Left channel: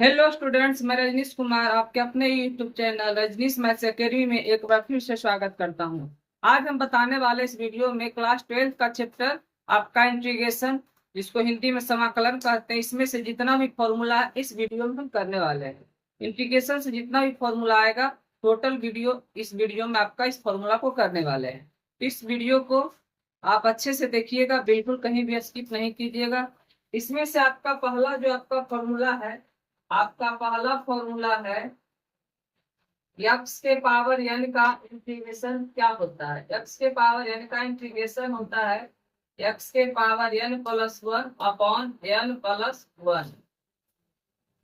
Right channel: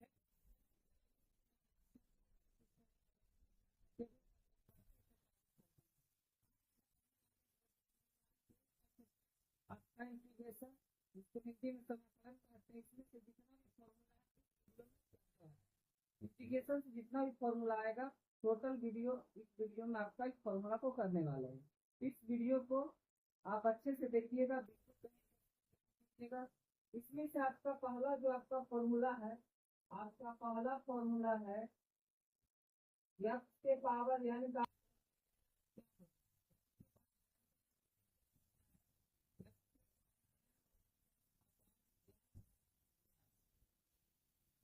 Hello students, मैं रजनीश कुमार आपके अपने YouTube channel Rajneesh maths academy में एक बार फिर से स्वागत करता हूं। आज हम बताने वाले इस वीडियो में क्लास 12 का चैप्टर आपका इंटीग्रेशन, जिसको हिंदी में समाकलन कहते हैं, इसमें से जितना भी फॉर्मूला है इस वीडियो में हम करने वाले हैं। इंटीग्रेशन से जितना भी फॉर्मूला आएगा टोटल वीडियो इस वीडियो में आपका इस फॉर्मूला को करने वाले हैं। इस वीडियो को आप अच्छे से देखिएगा, बिल्कुल कहीं भी स्किप नहीं कीजिएगा। इसमें से आपका पहला जो आपका फॉर्मूला है, आपका पहला फॉर्मूला है एक्स के पावर एन का इंटीग्रेशन क्या होता है। एक्स के पावर एन का इंटीग्रेशन होता है एक्स के power N plus one upon N plus one.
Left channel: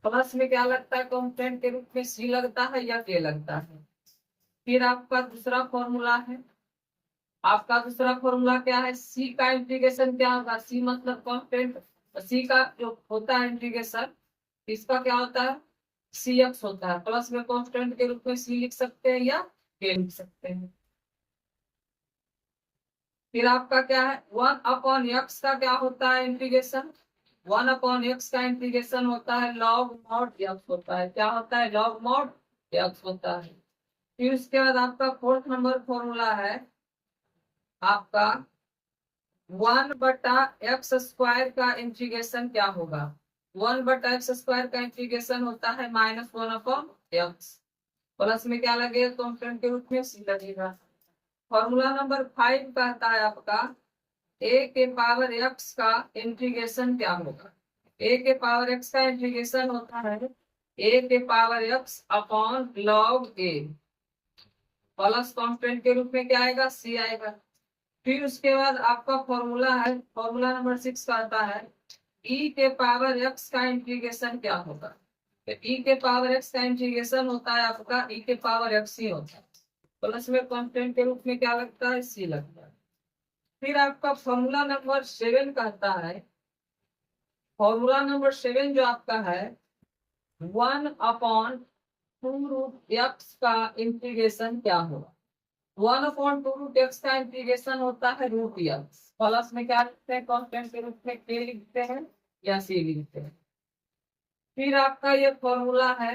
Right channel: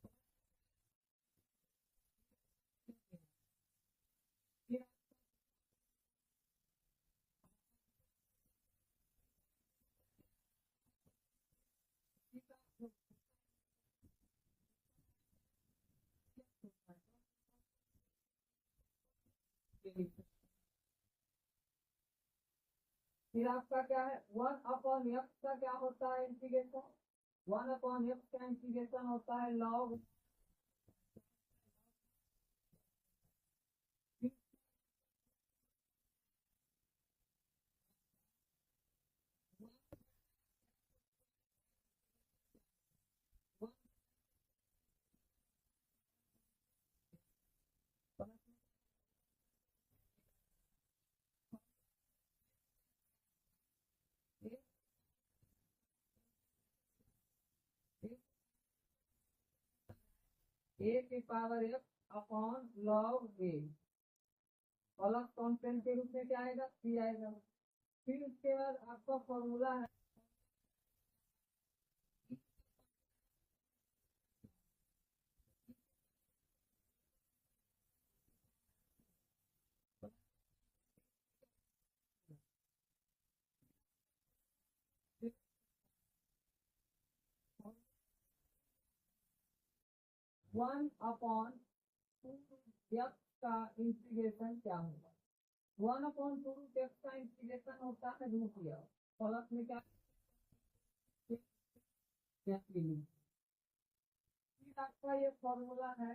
Plus में क्या लगता है, कॉन्स्टेंट के रूप में सी लगता है या के लगता है। फिर आपका दूसरा फॉर्मूला है, आपका दूसरा फॉर्मूला क्या है, सी का इंटीग्रेशन क्या होगा। सी मतलब कांस्टेंट, सी का जो होता है इंटीग्रेशन, इसका क्या होता है, सी एक्स होता है। प्लस में कांस्टेंट के रूप में सी लिख सकते हैं या के लिख सकते हैं। फिर आपका क्या है, वन अपॉन एक्स का क्या होता है इंटीग्रेशन। वन अपॉन एक्स का इंटीग्रेशन होता है लॉग मॉड एक्स होता है। क्या होता है, लॉग मॉड एक्स होता है। फिर उसके बाद आपका फोर्थ नंबर फॉर्मूला है आपका वन बटा एक्स स्क्वायर का इंटीग्रेशन क्या होगा। वन बटा एक्स स्क्वायर का इंटीग्रेशन होता है minus one upon x. Plus में क्या लगेगा, कॉन्स्टेंट के रूप में सी लगेगा। फॉर्मूला नंबर 5 कहता है आपका ए के पावर एक्स का इंटीग्रेशन क्या होगा। ए के पावर एक्स का इंटीग्रेशन होता है ए के पावर एक्स अपॉन लॉग ए। प्लस कांस्टेंट के रूप में क्या आएगा, सी आएगा। फिर उसके बाद आपका फॉर्मूला है, फॉर्मूला नंबर 6 कहता है ई के पावर एक्स का इंटीग्रेशन क्या होगा। तो ई के पावर एक्स का इंटीग्रेशन होता है आपका ई के पावर एक्स ही होता है। प्लस में कांस्टेंट के रूप में क्या लगता है, सी लगता है। फिर आपका फॉर्मूला नंबर 7 कहता है, फॉर्मूला नंबर 7 जो आपका है one upon two root X का इंटीग्रेशन क्या होगा। One upon two root X का इंटीग्रेशन होता है रूट एक्स। प्लस में क्या लिखते हैं, कांस्टेंट के रूप में के लिखते हैं या सी लिखते हैं। फिर आपका ये फॉर्मूला है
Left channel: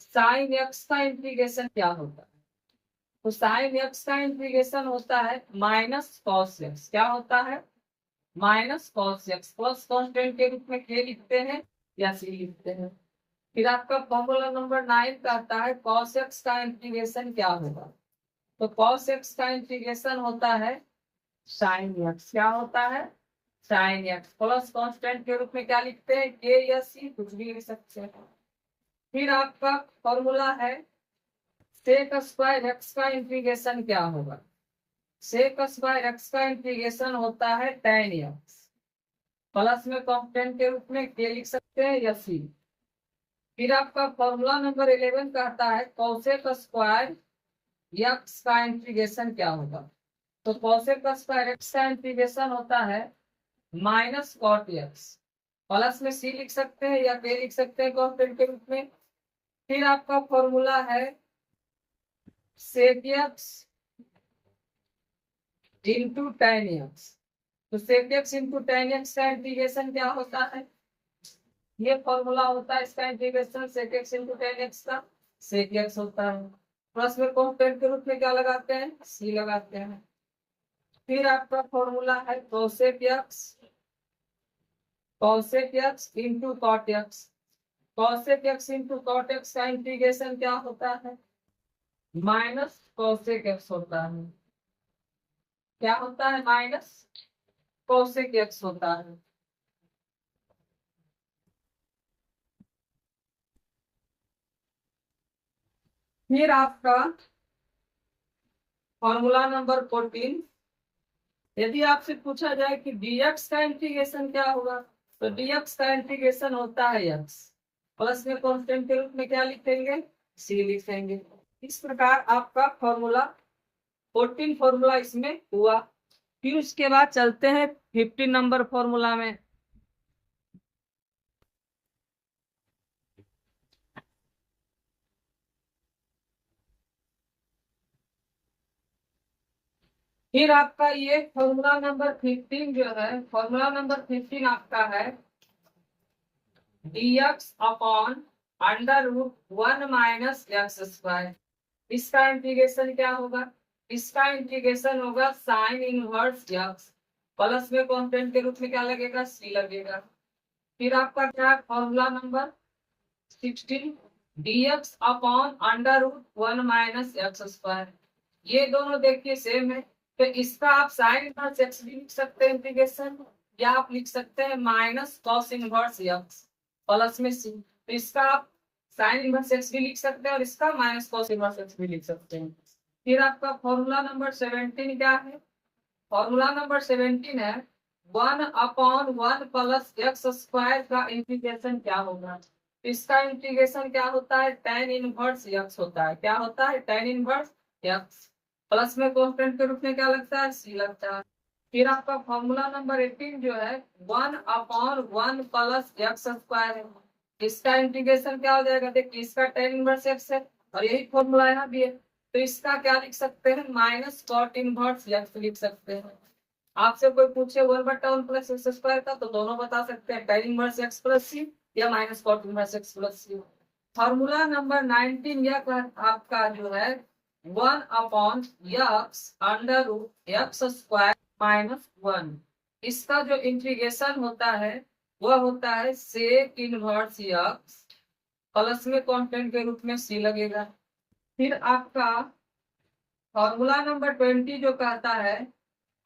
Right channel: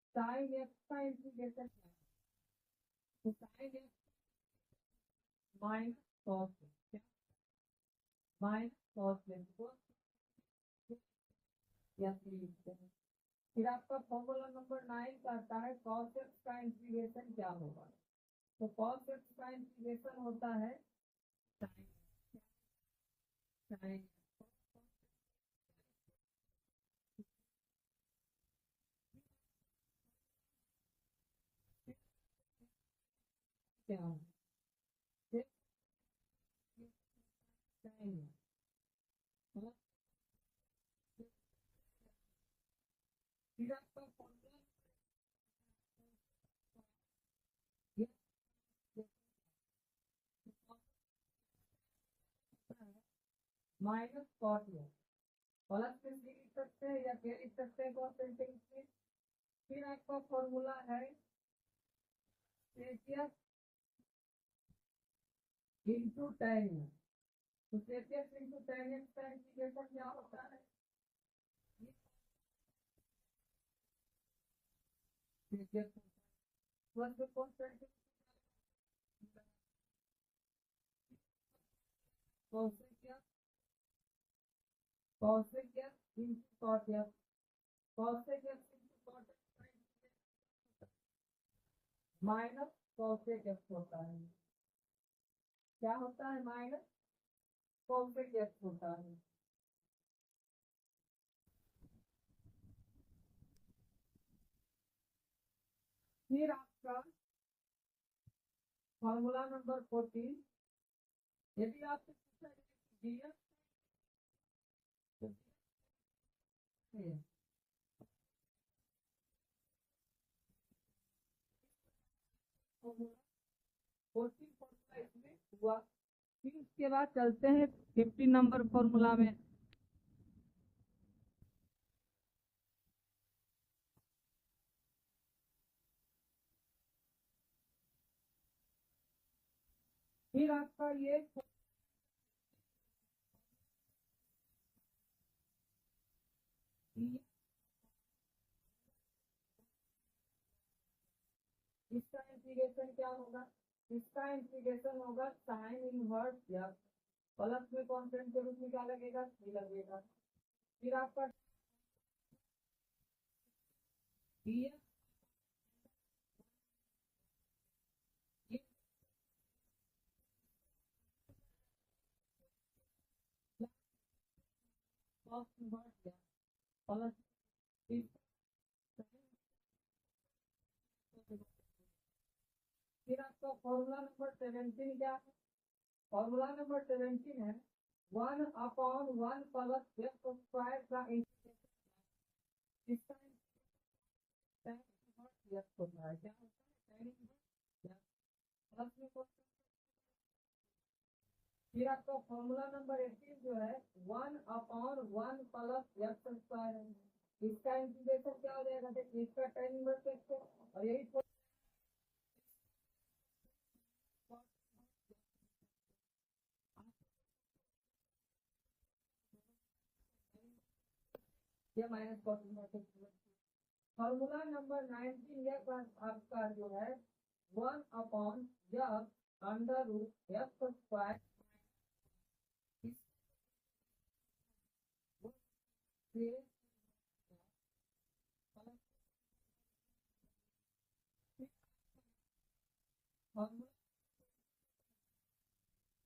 साइन एक्स का इंटीग्रेशन क्या होता है। तो साइन एक्स का इंटीग्रेशन होता है माइनस कॉस एक्स। क्या होता है, minus cos x. Plus constant के रूप में के लिखते हैं या सी लिखते हैं। फिर आपका फॉर्मूला नंबर 9 कहता है कॉस एक्स का इंटीग्रेशन क्या होगा। तो कॉस एक्स का इंटीग्रेशन होता है साइन एक्स। क्या होता है, साइन एक्स। प्लस कांस्टेंट के रूप में क्या लिखते हैं, के या सी, कुछ भी लिख सकते हैं। फिर आपका फॉर्मूला है सेक स्क्वायर एक्स का इंटीग्रेशन क्या होगा। सेक स्क्वायर एक्स का इंटीग्रेशन होता है tan एक्स। प्लस में कांस्टेंट के रूप में के लिख सकते हैं या सी। फिर आपका फॉर्मूला नंबर 11 कहता है कॉसेक स्क्वायर एक्स का इंटीग्रेशन क्या होगा। तो कॉसेक स्क्वायर एक्स का इंटीग्रेशन होता है माइनस कॉट एक्स। प्लस में सी लिख सकते हैं या के लिख सकते हैं कांस्टेंट के रूप में। फिर आपका फॉर्मूला है sec x into tan x. तो sec x into tan x का इंटीग्रेशन क्या होता है, ये फॉर्मूला होता है इसका integration sec x into tan x का, सेक एक्स होता है। प्लस में कांस्टेंट के रूप में क्या लगाते हैं, सी लगाते हैं। फिर आपका फॉर्मूला है cosec X into cot X. Cosec X into cot X का इंटीग्रेशन क्या होता है, माइनस कॉसेक एक्स होता है। क्या होता है, माइनस कॉसेक एक्स होता है। फिर आपका फॉर्मूला नंबर 14, यदि आपसे पूछा जाए कि dx का इंटीग्रेशन क्या होगा, तो dx का इंटीग्रेशन होता है x। प्लस में कांस्टेंट के रूप में क्या लिखेंगे, c लिखेंगे। इस प्रकार आपका फॉर्मूला 14 फॉर्मूला इसमें हुआ। फिर उसके बाद चलते हैं 15 नंबर फॉर्मूला में। फिर आपका ये फॉर्मूला नंबर 15 जो है, फॉर्मूला नंबर 15 आपका है dx upon under root 1 minus x square. इसका इंटीग्रेशन क्या होगा? इसका इंटीग्रेशन होगा साइन इनवर्स एक्स प्लस में कॉन्स्टेंट के रूप में क्या लगेगा? सी लगेगा। फिर आपका क्या है? Formula number 16 dx upon under root 1 minus x square. ये दोनों देखिए सेम है, तो इसका आप साइन इनवर्स एक्स भी लिख सकते हैं इंटीग्रेशन, या आप लिख सकते हैं minus cos inverse x plus में सी। तो इसका आप साइन इनवर्स एक्स भी लिख सकते हैं और इसका माइनस कॉस इनवर्स एक्स भी लिख सकते हैं। फिर आपका फॉर्मूला नंबर 17 क्या है? फॉर्मूला नंबर 17 है 1/1 प्लस एक्स स्क्वायर का इंटीग्रेशन क्या होगा? इसका इंटीग्रेशन क्या होता है? tan इनवर्स एक्स होता है। क्या होता है? tan इनवर्स एक्स प्लस में कांस्टेंट के रूप में क्या लगता है? सी लगता है। फिर आपका फॉर्मूला नंबर 18 जो है 1/1 प्लस एक्स स्क्वायर है। इसका इंटीग्रेशन क्या हो जाएगा? देखिए इसका tan इनवर्स एक्स है और यही फॉर्मूला यहाँ भी है, तो इसका क्या लिख सकते हैं? माइनस कॉट इनवर्स एक्स लिख सकते हैं। आपसे कोई पूछे 1/1 प्लस एक्स स्क्वायर का, तो दोनों बता सकते हैं, tan inverse x plus C या minus cot inverse x plus C. Formula number 19 यह आपका जो है 1/x under root x square minus 1। इसका जो इंटीग्रेशन होता है वह होता है सेक इनवर्स एक्स प्लस में कांस्टेंट के रूप में सी लगेगा। फिर आपका फॉर्मूला नंबर 20 जो कहता है,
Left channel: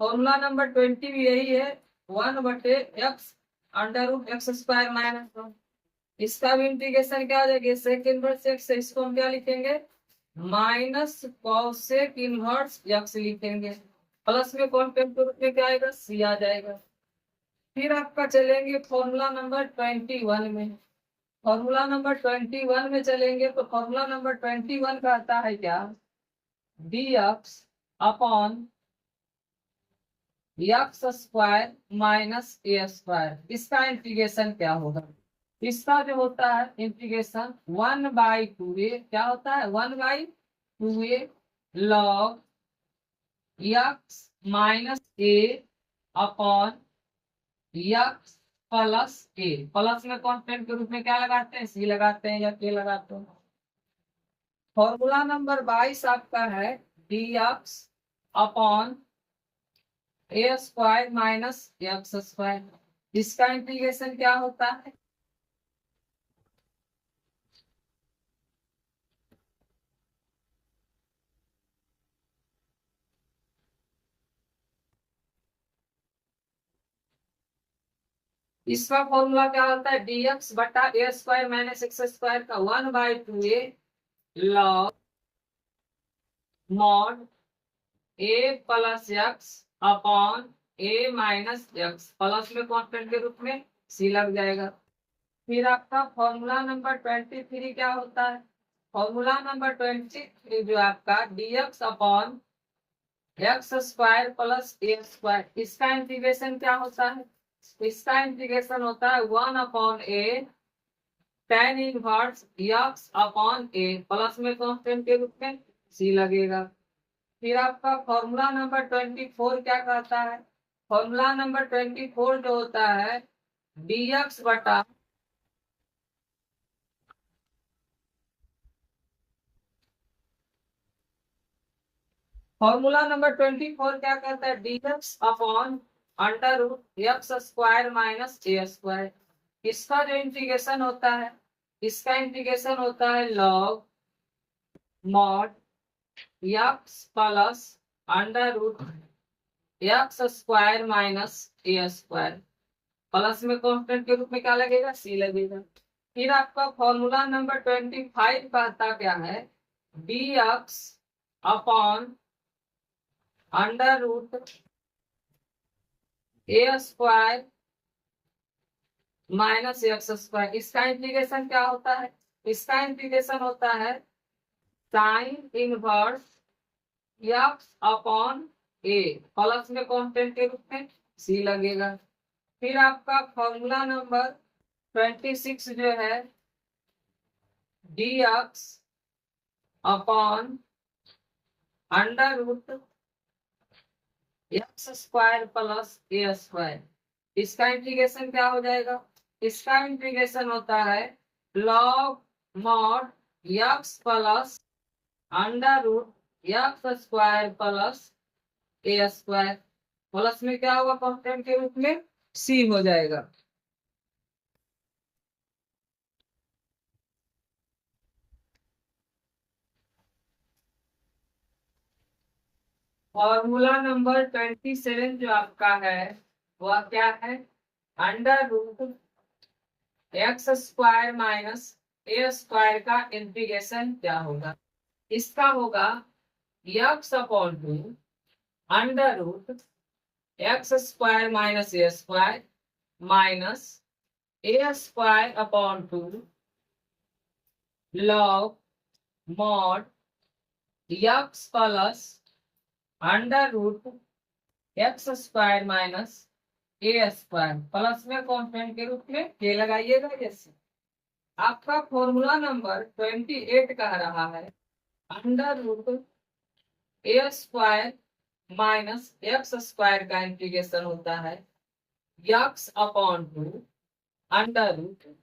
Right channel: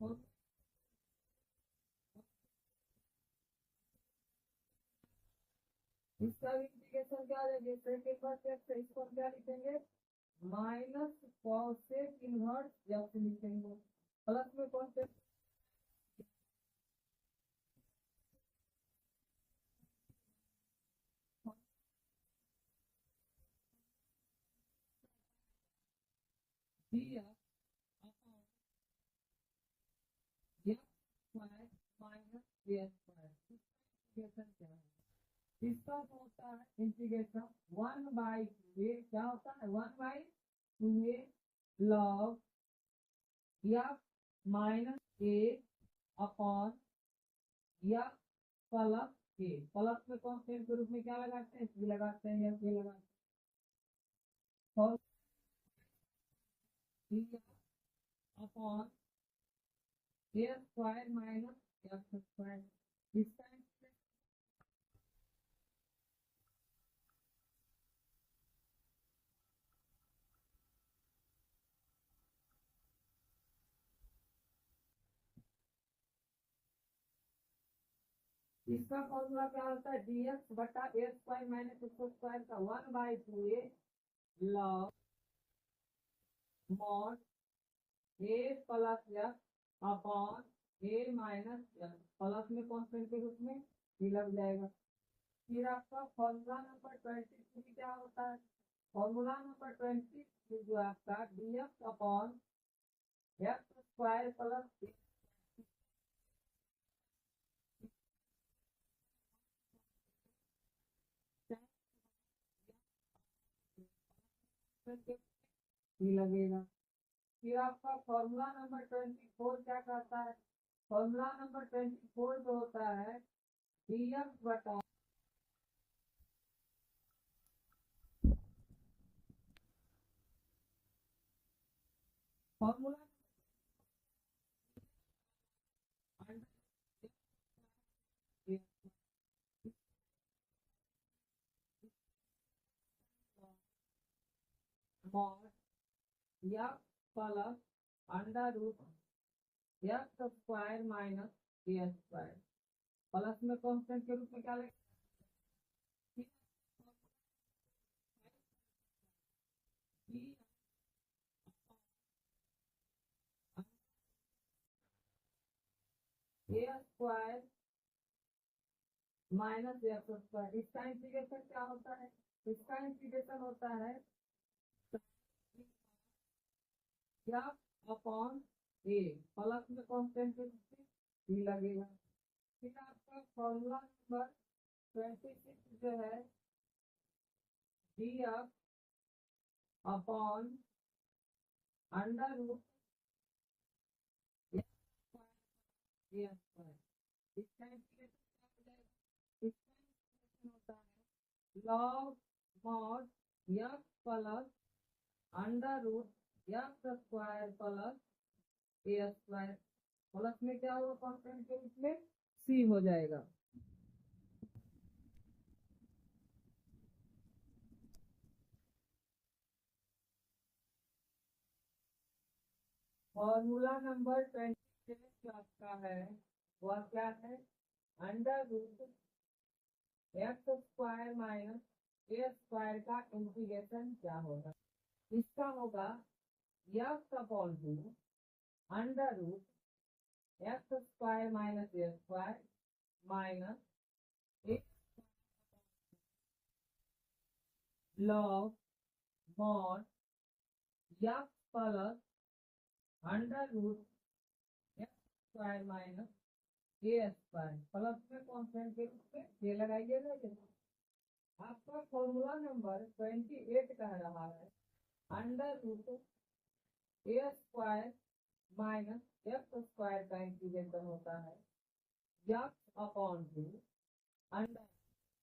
फॉर्मूला नंबर 20 भी यही है 1/x under root x square minus 1। इसका भी इंटीग्रेशन क्या हो जाएगा? सेक इनवर्स एक्स से इसको हम क्या लिखेंगे? माइनस कॉसेक इनवर्स एक्स लिखेंगे, प्लस में कांस्टेंट के रूप में क्या आएगा? सी आ जाएगा। फिर आपका चलेंगे फॉर्मूला नंबर 21 में। फॉर्मूला नंबर 21 में चलेंगे तो फॉर्मूला नंबर 21 का आता है क्या? dx upon x square minus ए स्क्वायर। इसका इंटीग्रेशन क्या होगा? इसका जो होता है इंटीग्रेशन 1/2a क्या होता है? 1/2a log x माइनस ए अपॉन एक्स प्लस ए। प्लस में कांस्टेंट के रूप में क्या लगाते हैं? सी लगाते हैं या के लगाते हैं। फॉर्मूला नंबर 22 आपका है dx अपॉन ए स्क्वायर माइनस एक्स स्क्वायर। इसका इंटीग्रेशन क्या होता है? इसका फॉर्मूला क्या होता है? dx बटा ए स्क्वायर माइनस एक्स स्क्वायर का 1/2a log मॉड ए प्लस एक्स अपॉन ए माइनस एक्स प्लस में कांस्टेंट के रूप में सी लग जाएगा। फिर आपका फॉर्मूला नंबर 23 क्या होता है? फॉर्मूला नंबर 23 जो आपका dx upon x square plus a square. इसका इंटीग्रेशन क्या होता है? इसका इंटीग्रेशन होता है 1/a tan inverse x upon a plus में कांस्टेंट के रूप में सी लगेगा। फिर आपका फॉर्मूला नंबर 24 क्या कहता है? फॉर्मूला नंबर 24 जो होता है dx बटा फॉर्मूला नंबर 24 क्या कहता है? dx upon under root x square minus ए स्क्वायर। इसका जो इंटीग्रेशन होता है, इसका इंटीग्रेशन होता है log mod x plus under root x square minus ए स्क्वायर प्लस में कांस्टेंट के रूप में क्या लगेगा? सी लगेगा। फिर आपका फॉर्मूला नंबर 25 कहता क्या है? dx upon under root a square minus x square. इसका इंटीग्रेशन क्या होता है? इसका इंटीग्रेशन होता है sign inverse x upon a plus में कांस्टेंट के रूप में सी लगेगा। फिर आपका फॉर्मूला नंबर 26 जो है dx upon under root x square plus a square. इसका इंटीग्रेशन क्या हो जाएगा? इसका इंटीग्रेशन होता है log mod x plus under root x square plus a square. Plus में क्या होगा कांस्टेंट के रूप में सी हो जाएगा। फॉर्मूला नंबर 27 जो आपका है वह क्या है, under root x square minus ए स्क्वायर का इंटीग्रेशन क्या होगा। इसका होगा x upon two under root x square minus ए स्क्वायर माइनस ए square upon two log mod x plus under root x square minus ए स्क्वायर। प्लस में constant के रूप में के लगाइएगा। जैसे आपका फॉर्मूला नंबर 28 कह रहा है under root a square minus x square का इंटीग्रेशन होता है x upon two under root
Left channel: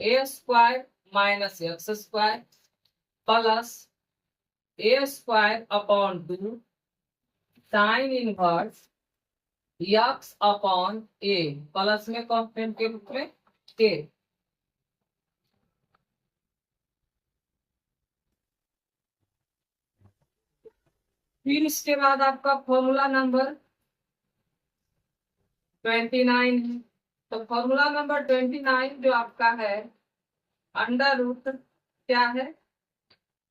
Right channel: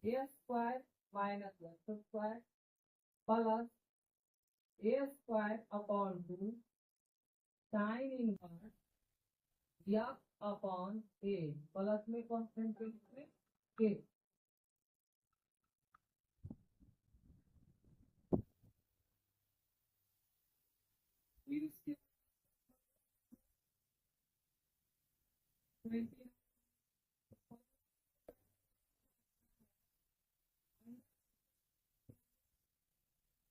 a square minus x square plus a square upon two sine inverse x upon a. Plus में constant के रूप में के। फिर इसके बाद आपका फॉर्मूला नंबर 29 है। तो फॉर्मूला नंबर 29 जो आपका है अंडर रूट क्या है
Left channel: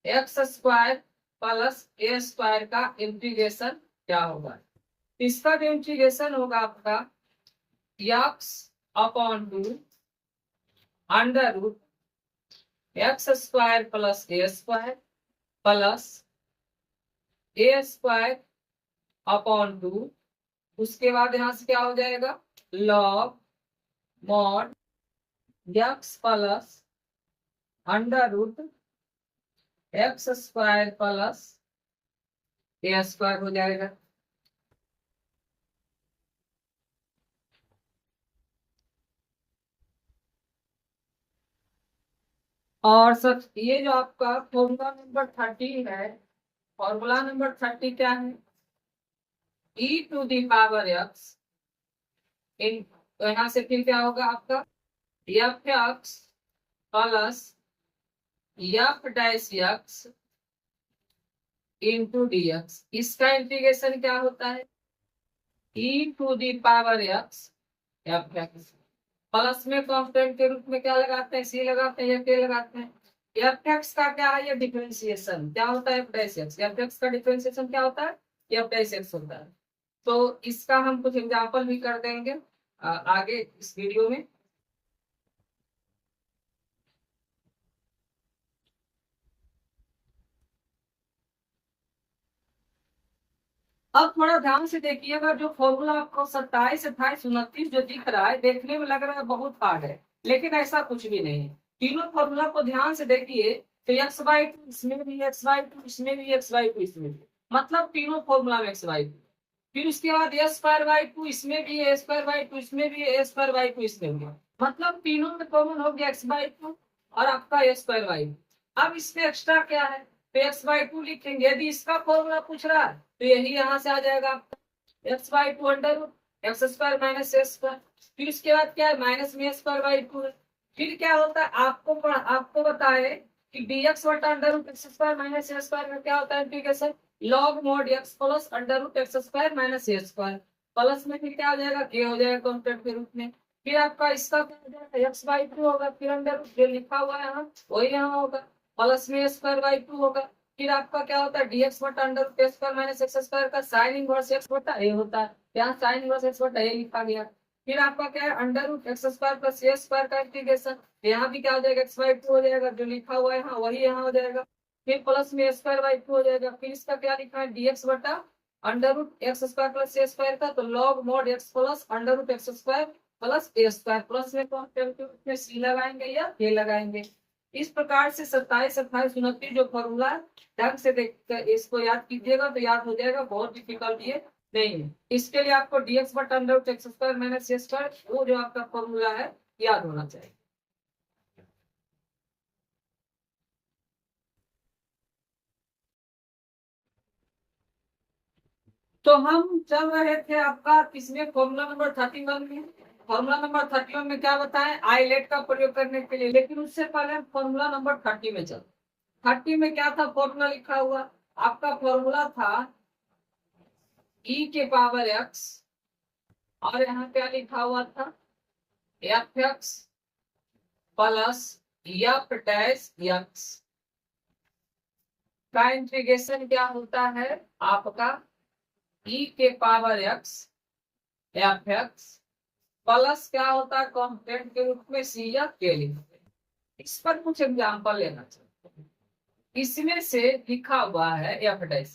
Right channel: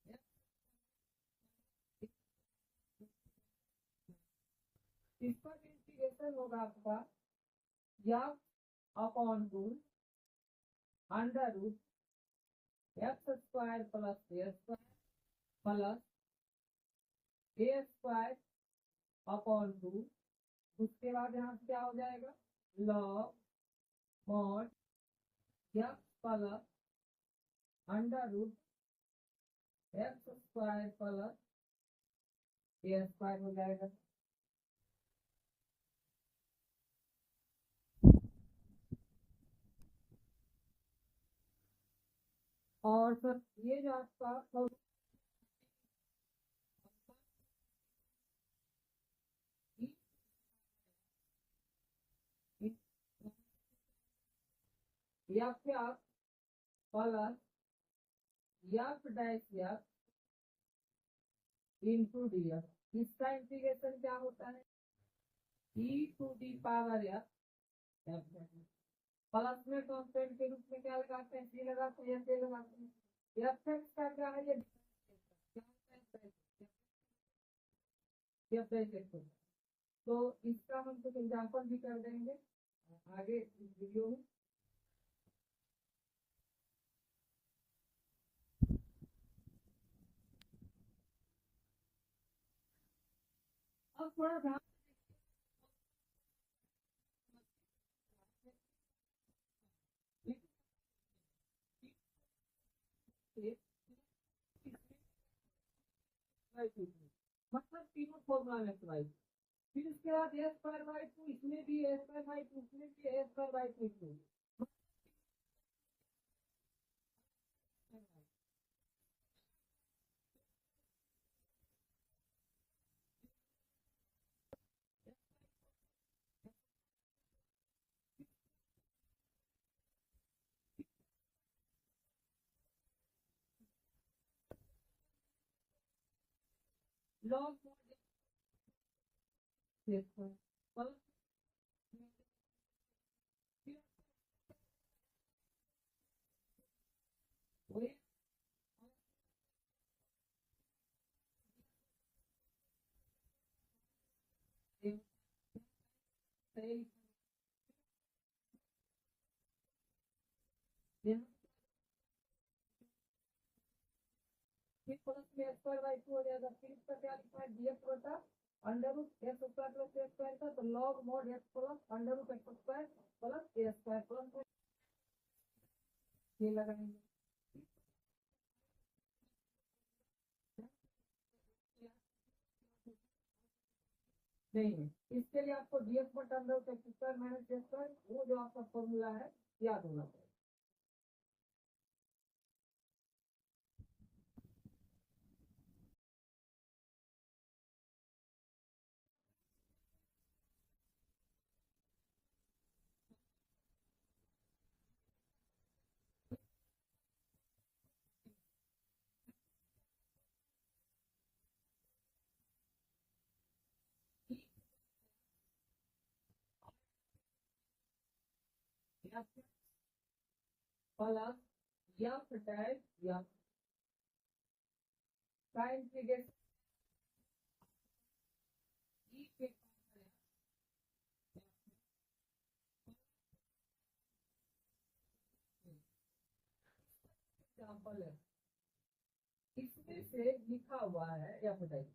x square plus a square का इंटीग्रेशन क्या होगा। इसका जो इंटीग्रेशन होगा आपका x upon two under root x square plus a square plus a square upon two, उसके बाद यहां से क्या हो जाएगा log mod x plus under root x square plus a square हो जाएगा। और सब ये जो आपका फॉर्मूला नंबर 30 है, फॉर्मूला नंबर 30 क्या है e to the power x in, तो यहाँ से फिर क्या होगा आपका f x plus f dash x into d x. इसका इंटीग्रेशन क्या होता है e to the power x F x. Plus में कांस्टेंट के रूप में क्या लगाते हैं सी लगाते हैं या के लगाते हैं। एफ एक्स का क्या है ये डिफरेंशिएशन क्या होता है F dash x. F x का डिफरेंशिएशन क्या होता है एफ डैश एक्स होता है। तो इसका हम कुछ एग्जांपल भी कर देंगे आगे इस वीडियो में। अब थोड़ा ध्यान से देखिएगा जो फॉर्मूला आपको 27 28 29 जो दिख रहा है देखने में लग रहा है बहुत हार्ड है, लेकिन ऐसा कुछ भी नहीं है। तीनों फॉर्मूला को ध्यान से देखिए तो एक्स बाई टू इसमें भी एक्स बाई टू इसमें भी एक्स बाई टू इसमें भी, मतलब तीनों फॉर्मूला में एक्स बाई टू। फिर उसके बाद ए स्क्वायर बाई टू इसमें भी ए स्क्वायर बाई टू इसमें भी ए स्क्वायर बाई टू इसमें भी, मतलब तीनों में कॉमन हो गया एक्स बाई टू और आपका ए स्क्वायर बाई टू। अब इसमें एक्स्ट्रा क्या है तो एक्स बाई टू लिखेंगे। यदि इसका फॉर्मूला पूछ रहा है तो यही यहाँ से आ जाएगा X by two under root x square minus A square. फिर उसके बाद क्या है माइनस में स्क्वायर बाई टू है। फिर क्या होता है आपको बताए कि dx बटा under root x square minus ए स्क्वायर में क्या होता है integration log mod x plus under root x square minus ए स्क्वायर। प्लस में फिर क्या हो जाएगा के हो जाएगा कांस्टेंट के रूप में। फिर आपका इसका क्या हो जाएगा एक्स बाई टू होगा, फिर अंडर रूट जो लिखा हुआ है यहाँ वही यहाँ होगा, प्लस में स्क्वायर बाई टू होगा। फिर आपका क्या होता है dx बटा under root x square minus x square का साइन इनवर्स एक्स बटा ए होता है, यहाँ साइन इनवर्स एक्स बटा ए लिखा गया। फिर आपका क्या है under root x square plus a square का इंटीग्रेशन, यहाँ भी क्या हो जाएगा एक्स बाई टू हो जाएगा, जो लिखा हुआ है यहाँ वही यहाँ हो जाएगा। फिर प्लस में स्क्वायर बाई टू हो जाएगा। फिर इसका क्या लिखा है dx बटा under root x square plus a square का, तो log mod x plus under root x square plus a square. Plus में सी लगाएंगे या के लगाएंगे। इस प्रकार से 27 28 29 जो फॉर्मूला ढंग से देख इसको याद कीजिएगा तो याद हो जाएगा, बहुत डिफिकल्ट ये नहीं है। इसके लिए आपको dx बटा under root x square minus ए स्क्वायर, वो जो आपका फॉर्मूला है याद होना चाहिए। तो हम चल रहे थे आपका किसमें, फॉर्मूला नंबर 31 में। फॉर्मूला नंबर 31 में क्या बताएं, आईलेट का प्रयोग करने के लिए, लेकिन उससे पहले हम फॉर्मूला नंबर 30 में चल। 30 में क्या था फॉर्मूला लिखा हुआ, आपका फॉर्मूला था e के पावर x, और यहाँ क्या लिखा हुआ था, F x plus f dash x का इंटीग्रेशन क्या होता है आपका e के power x F x plus क्या होता है कांस्टेंट के रूप में सी या के लिखते। इस पर कुछ एग्जांपल लेना चाहिए। इसमें से लिखा हुआ है एफ डैश,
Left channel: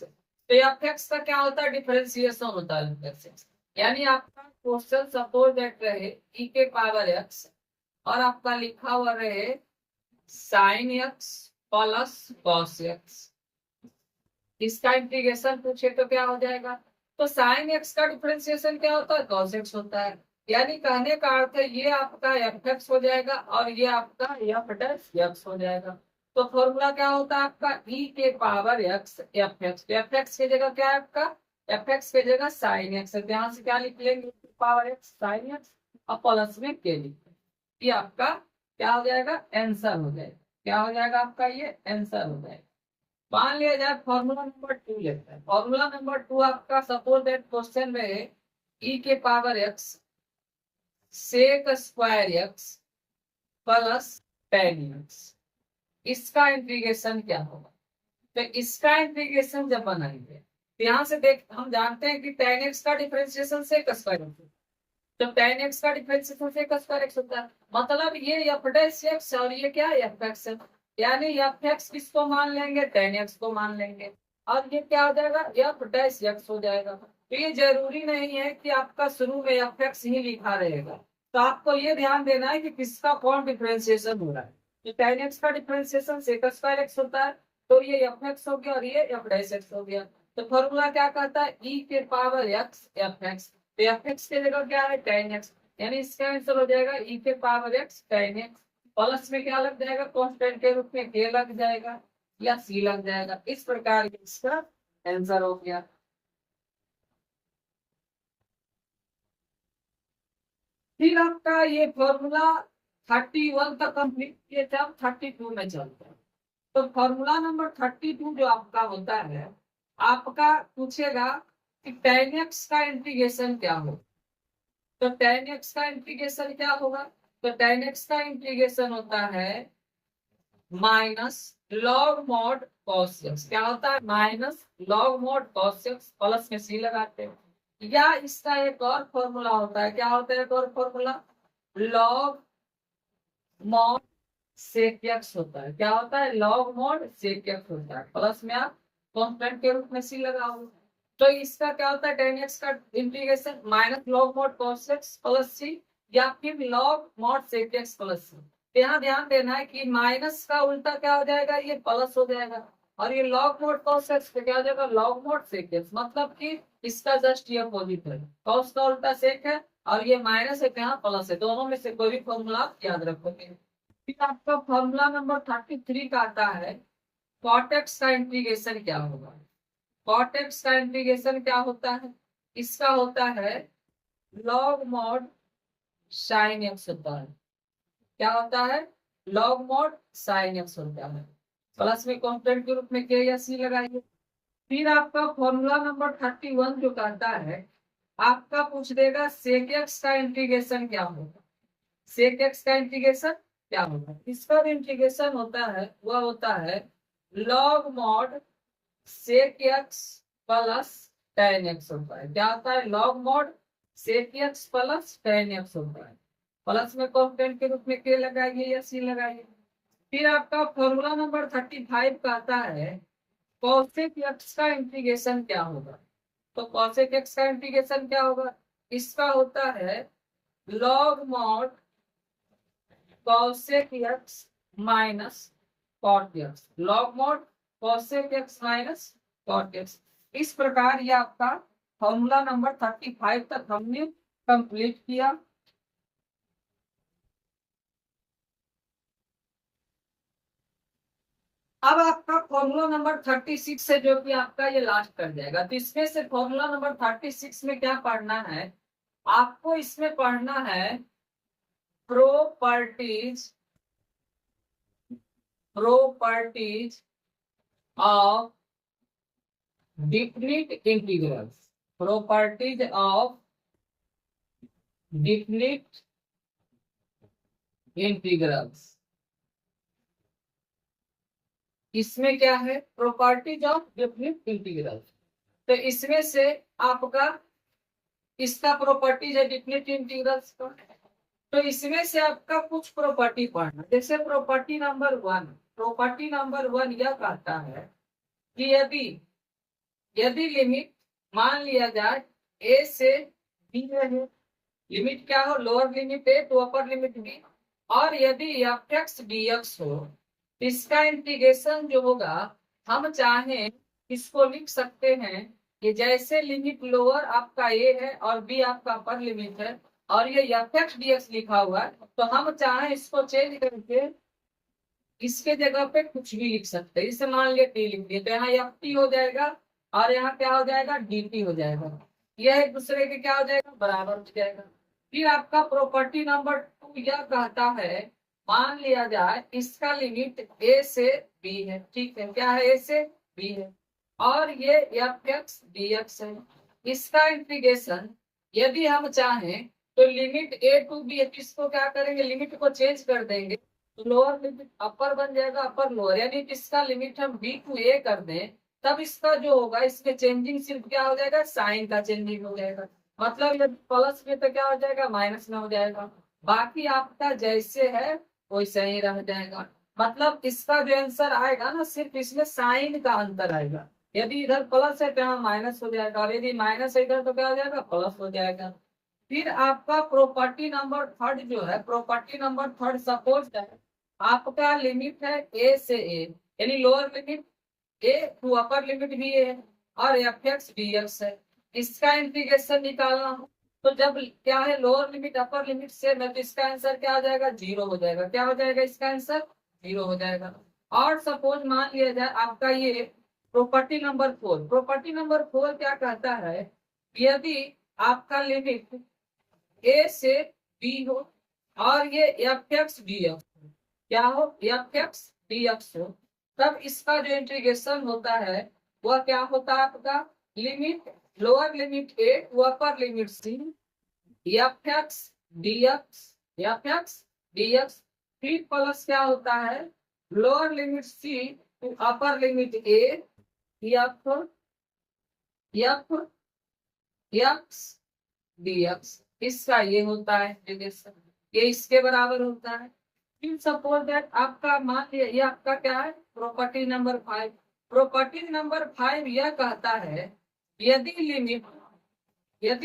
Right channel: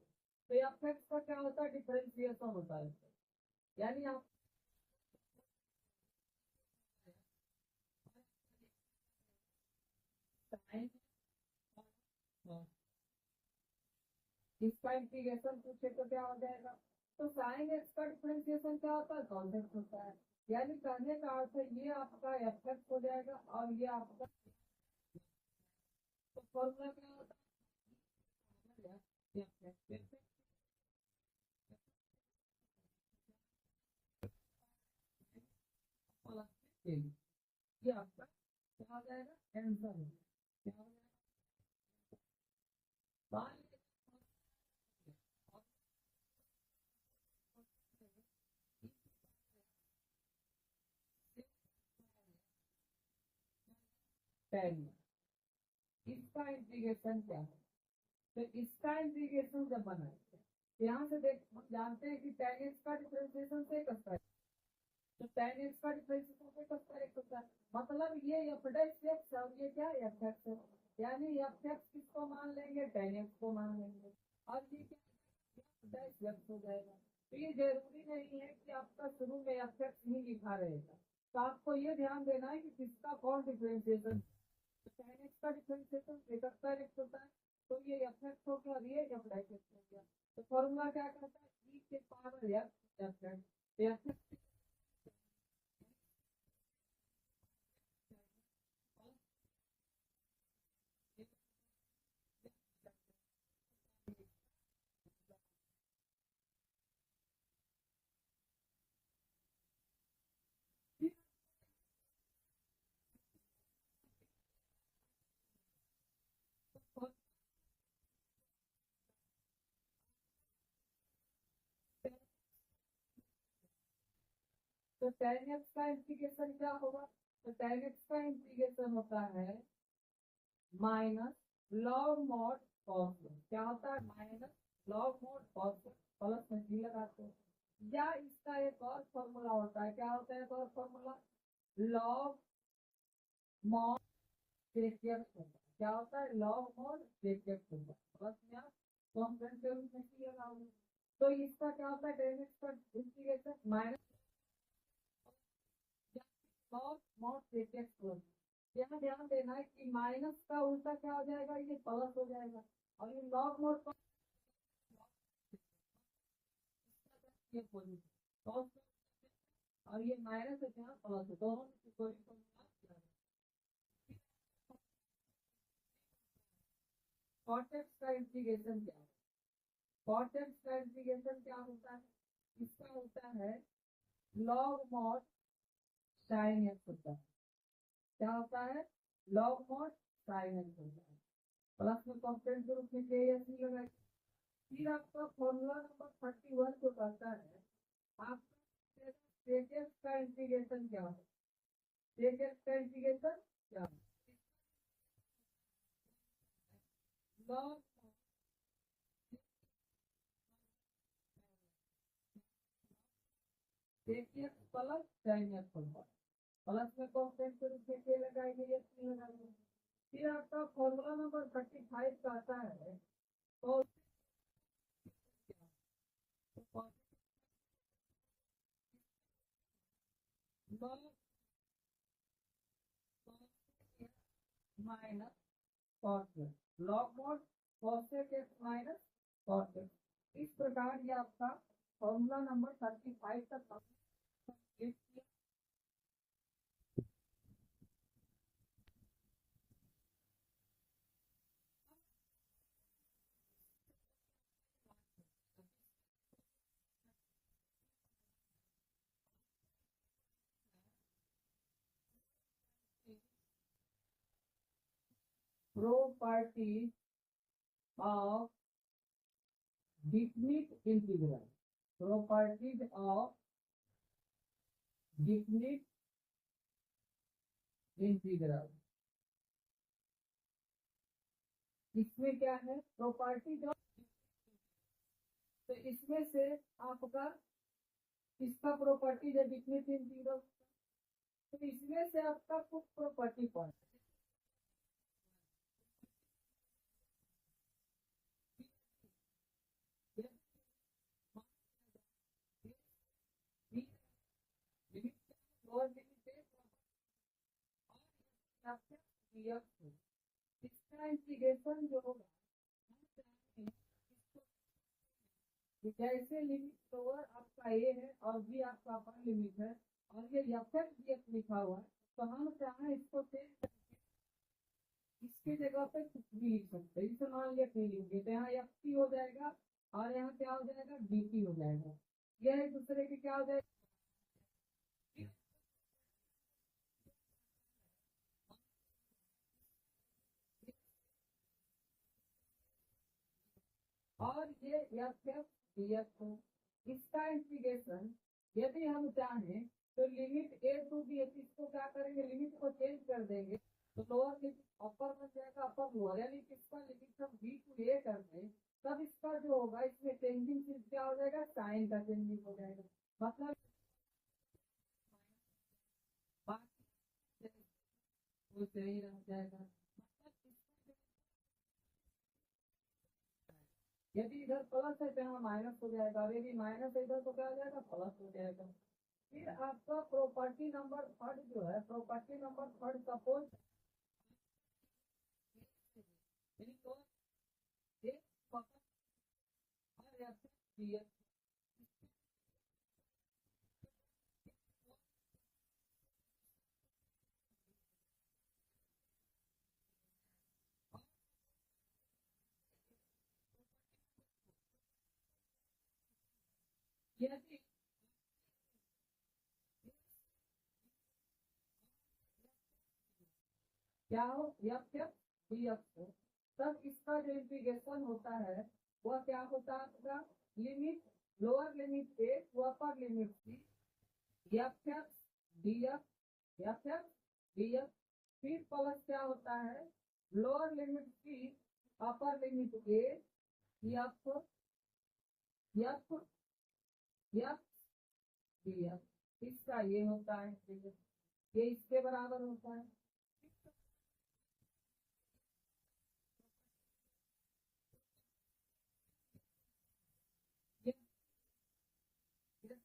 तो एफ एक्स का क्या होता है, डिफरेंशिएशन होता है एफ एक्स। यानी आपका क्वेश्चन सपोज दैट रहे e के पावर x और आपका लिखा हुआ रहे sine x plus cos x, इसका इंटीग्रेशन पूछे तो क्या हो जाएगा, तो साइन एक्स का डिफरेंशिएशन क्या होता है, कॉस एक्स होता है। यानी कहने का अर्थ है ये आपका एफ एक्स हो जाएगा और ये आपका एफ डैश एक्स हो जाएगा। तो फॉर्मूला क्या होता है आपका e के power x F x, F x की जगह क्या है आपका, एफ एक्स की जगह साइन एक्स, यहाँ से क्या लिख लेंगे पावर x साइन एक्स और प्लस में के लिख, ये आपका क्या हो जाएगा, आंसर हो जाएगा। क्या हो जाएगा आपका, ये आंसर हो जाएगा। मान लिया जाए फॉर्मूला नंबर 2 लेते हैं। फॉर्मूला नंबर 2 आपका सपोज दैट क्वेश्चन में e के power x sec square x plus ten X, इसका इंटीग्रेशन क्या होगा। तो इसका इंटीग्रेशन जब बनाएंगे तो यहाँ से देख हम जानते हैं कि टेन एक्स का डिफरेंशिएशन सेक स्क्वायर होता है, तो टेन एक्स का डिफरेंशिएशन सेक स्क्वायर एक्स होता है, मतलब ये एफ डैश एक्स और ये क्या एफ एक्स है। यानी एफ एक्स किसको मान लेंगे, टेन एक्स को मान लेंगे, और ये क्या हो जाएगा, एफ डैश एक्स हो जाएगा। तो ये जरूरी नहीं है कि आपका शुरू में एफ एक्स ही लिखा रहेगा, तो आपको ये ध्यान देना है कि किसका कौन डिफरेंशिएशन हो रहा है। तो टेन एक्स का डिफरेंशिएशन सेक स्क्वायर एक्स होता है, तो ये एफ एक्स हो गया और ये एफ डैश एक्स हो गया। तो फॉर्मूला क्या कहता है, e के पावर x एफ एक्स, तो एफ एक्स की जगह क्या है टेन एक्स, यानी इसका आंसर हो जाएगा e के power x ten x, plus में क्या लग जाएगा, कांस्टेंट के रूप में के लग जाएगा या सी लग जाएगा। इस प्रकार इसका आंसर हो गया। फिर आपका ये फॉर्मूला 31 तक कंप्लीट किए थे, अब 32 में चलते हैं। तो फॉर्मूला नंबर 32 जो आपका होता है, आपका पूछेगा कि टेन एक्स का इंटीग्रेशन क्या हो। तो टेन एक्स का इंटीग्रेशन क्या होगा, तो टेन एक्स का इंटीग्रेशन होता है minus log mod cos x, क्या होता है minus log mod cos x, plus में सी लगाते हैं। या इसका एक और फॉर्मूला होता है, क्या होता है एक और formula, log mod sec X होता है। क्या होता है, लॉग मॉड सेक एक्स होता है, प्लस में आप कांस्टेंट के रूप में सी लगाओ। तो इसका क्या होता है, टेन एक्स का integration minus log mod cos x plus C, या फिर log mod sec x plus C. यहाँ ध्यान देना है कि माइनस का उल्टा क्या हो जाएगा, ये प्लस हो जाएगा, और ये लॉग मॉड कॉस एक्स क्या हो जाएगा, लॉग मॉड सेक एक्स, मतलब कि इसका जस्ट ये अपोजिट है, कॉस का उल्टा सेक है और ये माइनस है, यहाँ प्लस है, दोनों में से कोई भी फॉर्मूला आप याद रखोगे। फिर आपका फॉर्मूला नंबर 33 का आता है, कॉट एक्स का इंटीग्रेशन क्या होगा। कॉट एक्स का इंटीग्रेशन क्या होता है, इसका होता है लॉग मॉड साइन एक्स होता है। क्या होता है, लॉग मॉड साइन एक्स होता है, प्लस में कांस्टेंट के रूप में के या सी लगाइए। फिर आपका फॉर्मूला नंबर 31 जो कहता है, आपका पूछ देगा सेक एक्स का इंटीग्रेशन क्या होगा। सेक एक्स का इंटीग्रेशन क्या होगा, इसका इंटीग्रेशन होता है वह होता है log mod sec x plus ten X होता है। क्या होता है, log mod sec x plus ten X होता है, प्लस में कांस्टेंट के रूप में के लगाइए या सी लगाइए। फिर आपका फॉर्मूला नंबर 35 कहता है कॉसेक एक्स का इंटीग्रेशन क्या होगा। तो कॉसेक एक्स का इंटीग्रेशन क्या होगा, इसका होता है log mod cosec X minus cot X, log mod cosec X minus cot X. इस प्रकार ये आपका फॉर्मूला नंबर 35 तक हमने कंप्लीट किया। अब आपका फॉर्मूला नंबर 36 है, जो कि आपका ये लास्ट कर जाएगा। तो इसमें से फॉर्मूला नंबर 36 में क्या पढ़ना है आपको? इसमें पढ़ना है properties properties of definite integrals. Properties of definite integrals. इसमें क्या है? Properties of definite integrals. तो इसमें से आपका इसका प्रॉपर्टीज है डिफिनिट इंटीग्रल्स का। तो इसमें से आपका कुछ प्रॉपर्टी पढ़ना, जैसे प्रॉपर्टी नंबर वन यह कहता है कि यदि यदि लिमिट मान लिया जाए ए से बी रहे, लिमिट क्या हो? Lower limit A to upper limit B, और यदि एफ एक्स डी एक्स हो, इसका इंटीग्रेशन जो होगा हम चाहें इसको लिख सकते हैं कि जैसे लिमिट लोअर आपका ए है और बी आपका अपर लिमिट है, और ये एफ एक्स डी एक्स लिखा हुआ है, तो हम चाहें इसको चेंज करके इसके जगह पे कुछ भी लिख सकते हैं। जैसे मान लिया टी लिख दिए, तो यहाँ एफ टी हो जाएगा और यहाँ क्या हो जाएगा? डी टी हो जाएगा। यह एक दूसरे के क्या हो जाएगा? बराबर हो जाएगा। फिर आपका प्रॉपर्टी नंबर 2 यह कहता है, मान लिया जाए इसका लिमिट ए से बी है, ठीक है? क्या है? ए से बी है, और ये एफ एक्स डी एक्स है। इसका इंटीग्रेशन यदि हम चाहें तो लिमिट ए टू बी है, इसको क्या करेंगे? लिमिट को चेंज कर देंगे, लोअर लिमिट अपर बन जाएगा, अपर लोअर, यानी इसका लिमिट हम बी टू ए कर दें, तब इसका जो होगा इसमें चेंजिंग सिर्फ क्या हो जाएगा? साइन का चेंजिंग हो जाएगा। मतलब यदि प्लस में तो क्या हो जाएगा? माइनस में हो जाएगा। बाकी आपका जैसे है वैसे ही रह जाएगा। मतलब इसका जो आंसर आएगा ना, सिर्फ इसमें साइन का अंतर आएगा। यदि इधर प्लस है तो यहाँ माइनस हो जाएगा, और यदि माइनस है इधर तो क्या हो जाएगा? प्लस हो जाएगा। फिर आपका प्रॉपर्टी नंबर थर्ड जो है, प्रॉपर्टी नंबर थर्ड, सपोज है आपका लिमिट है ए से ए, यानी lower limit A to upper limit भी ए है, और एफ एक्स डी एक्स है। इसका इंटीग्रेशन निकालना हो तो जब क्या है? लोअर लिमिट अपर लिमिट से मैं, तो इसका आंसर क्या हो जाएगा? 0 हो जाएगा। क्या हो जाएगा? इसका आंसर 0 हो जाएगा। और सपोज मान लिया जाए आपका ये प्रॉपर्टी नंबर 4, प्रॉपर्टी नंबर 4 क्या कहता है? यदि आपका लिमिट ए से बी हो और ये एफ एक्स डी एक्स क्या हो? एफ एक्स डी एक्स हो, तब इसका जो इंटीग्रेशन होता है वह क्या होता है आपका? Limit lower limit A to upper limit C F X D X, F X D X, फिर प्लस क्या होता है? Lower limit C to upper limit A F F X D x. इसका ये होता है इंटीग्रेशन, ये इसके बराबर होता है। फिर सपोज दैट आपका मान लिया ये आपका क्या है? Property number 5। प्रॉपर्टी नंबर 5 यह कहता है यदि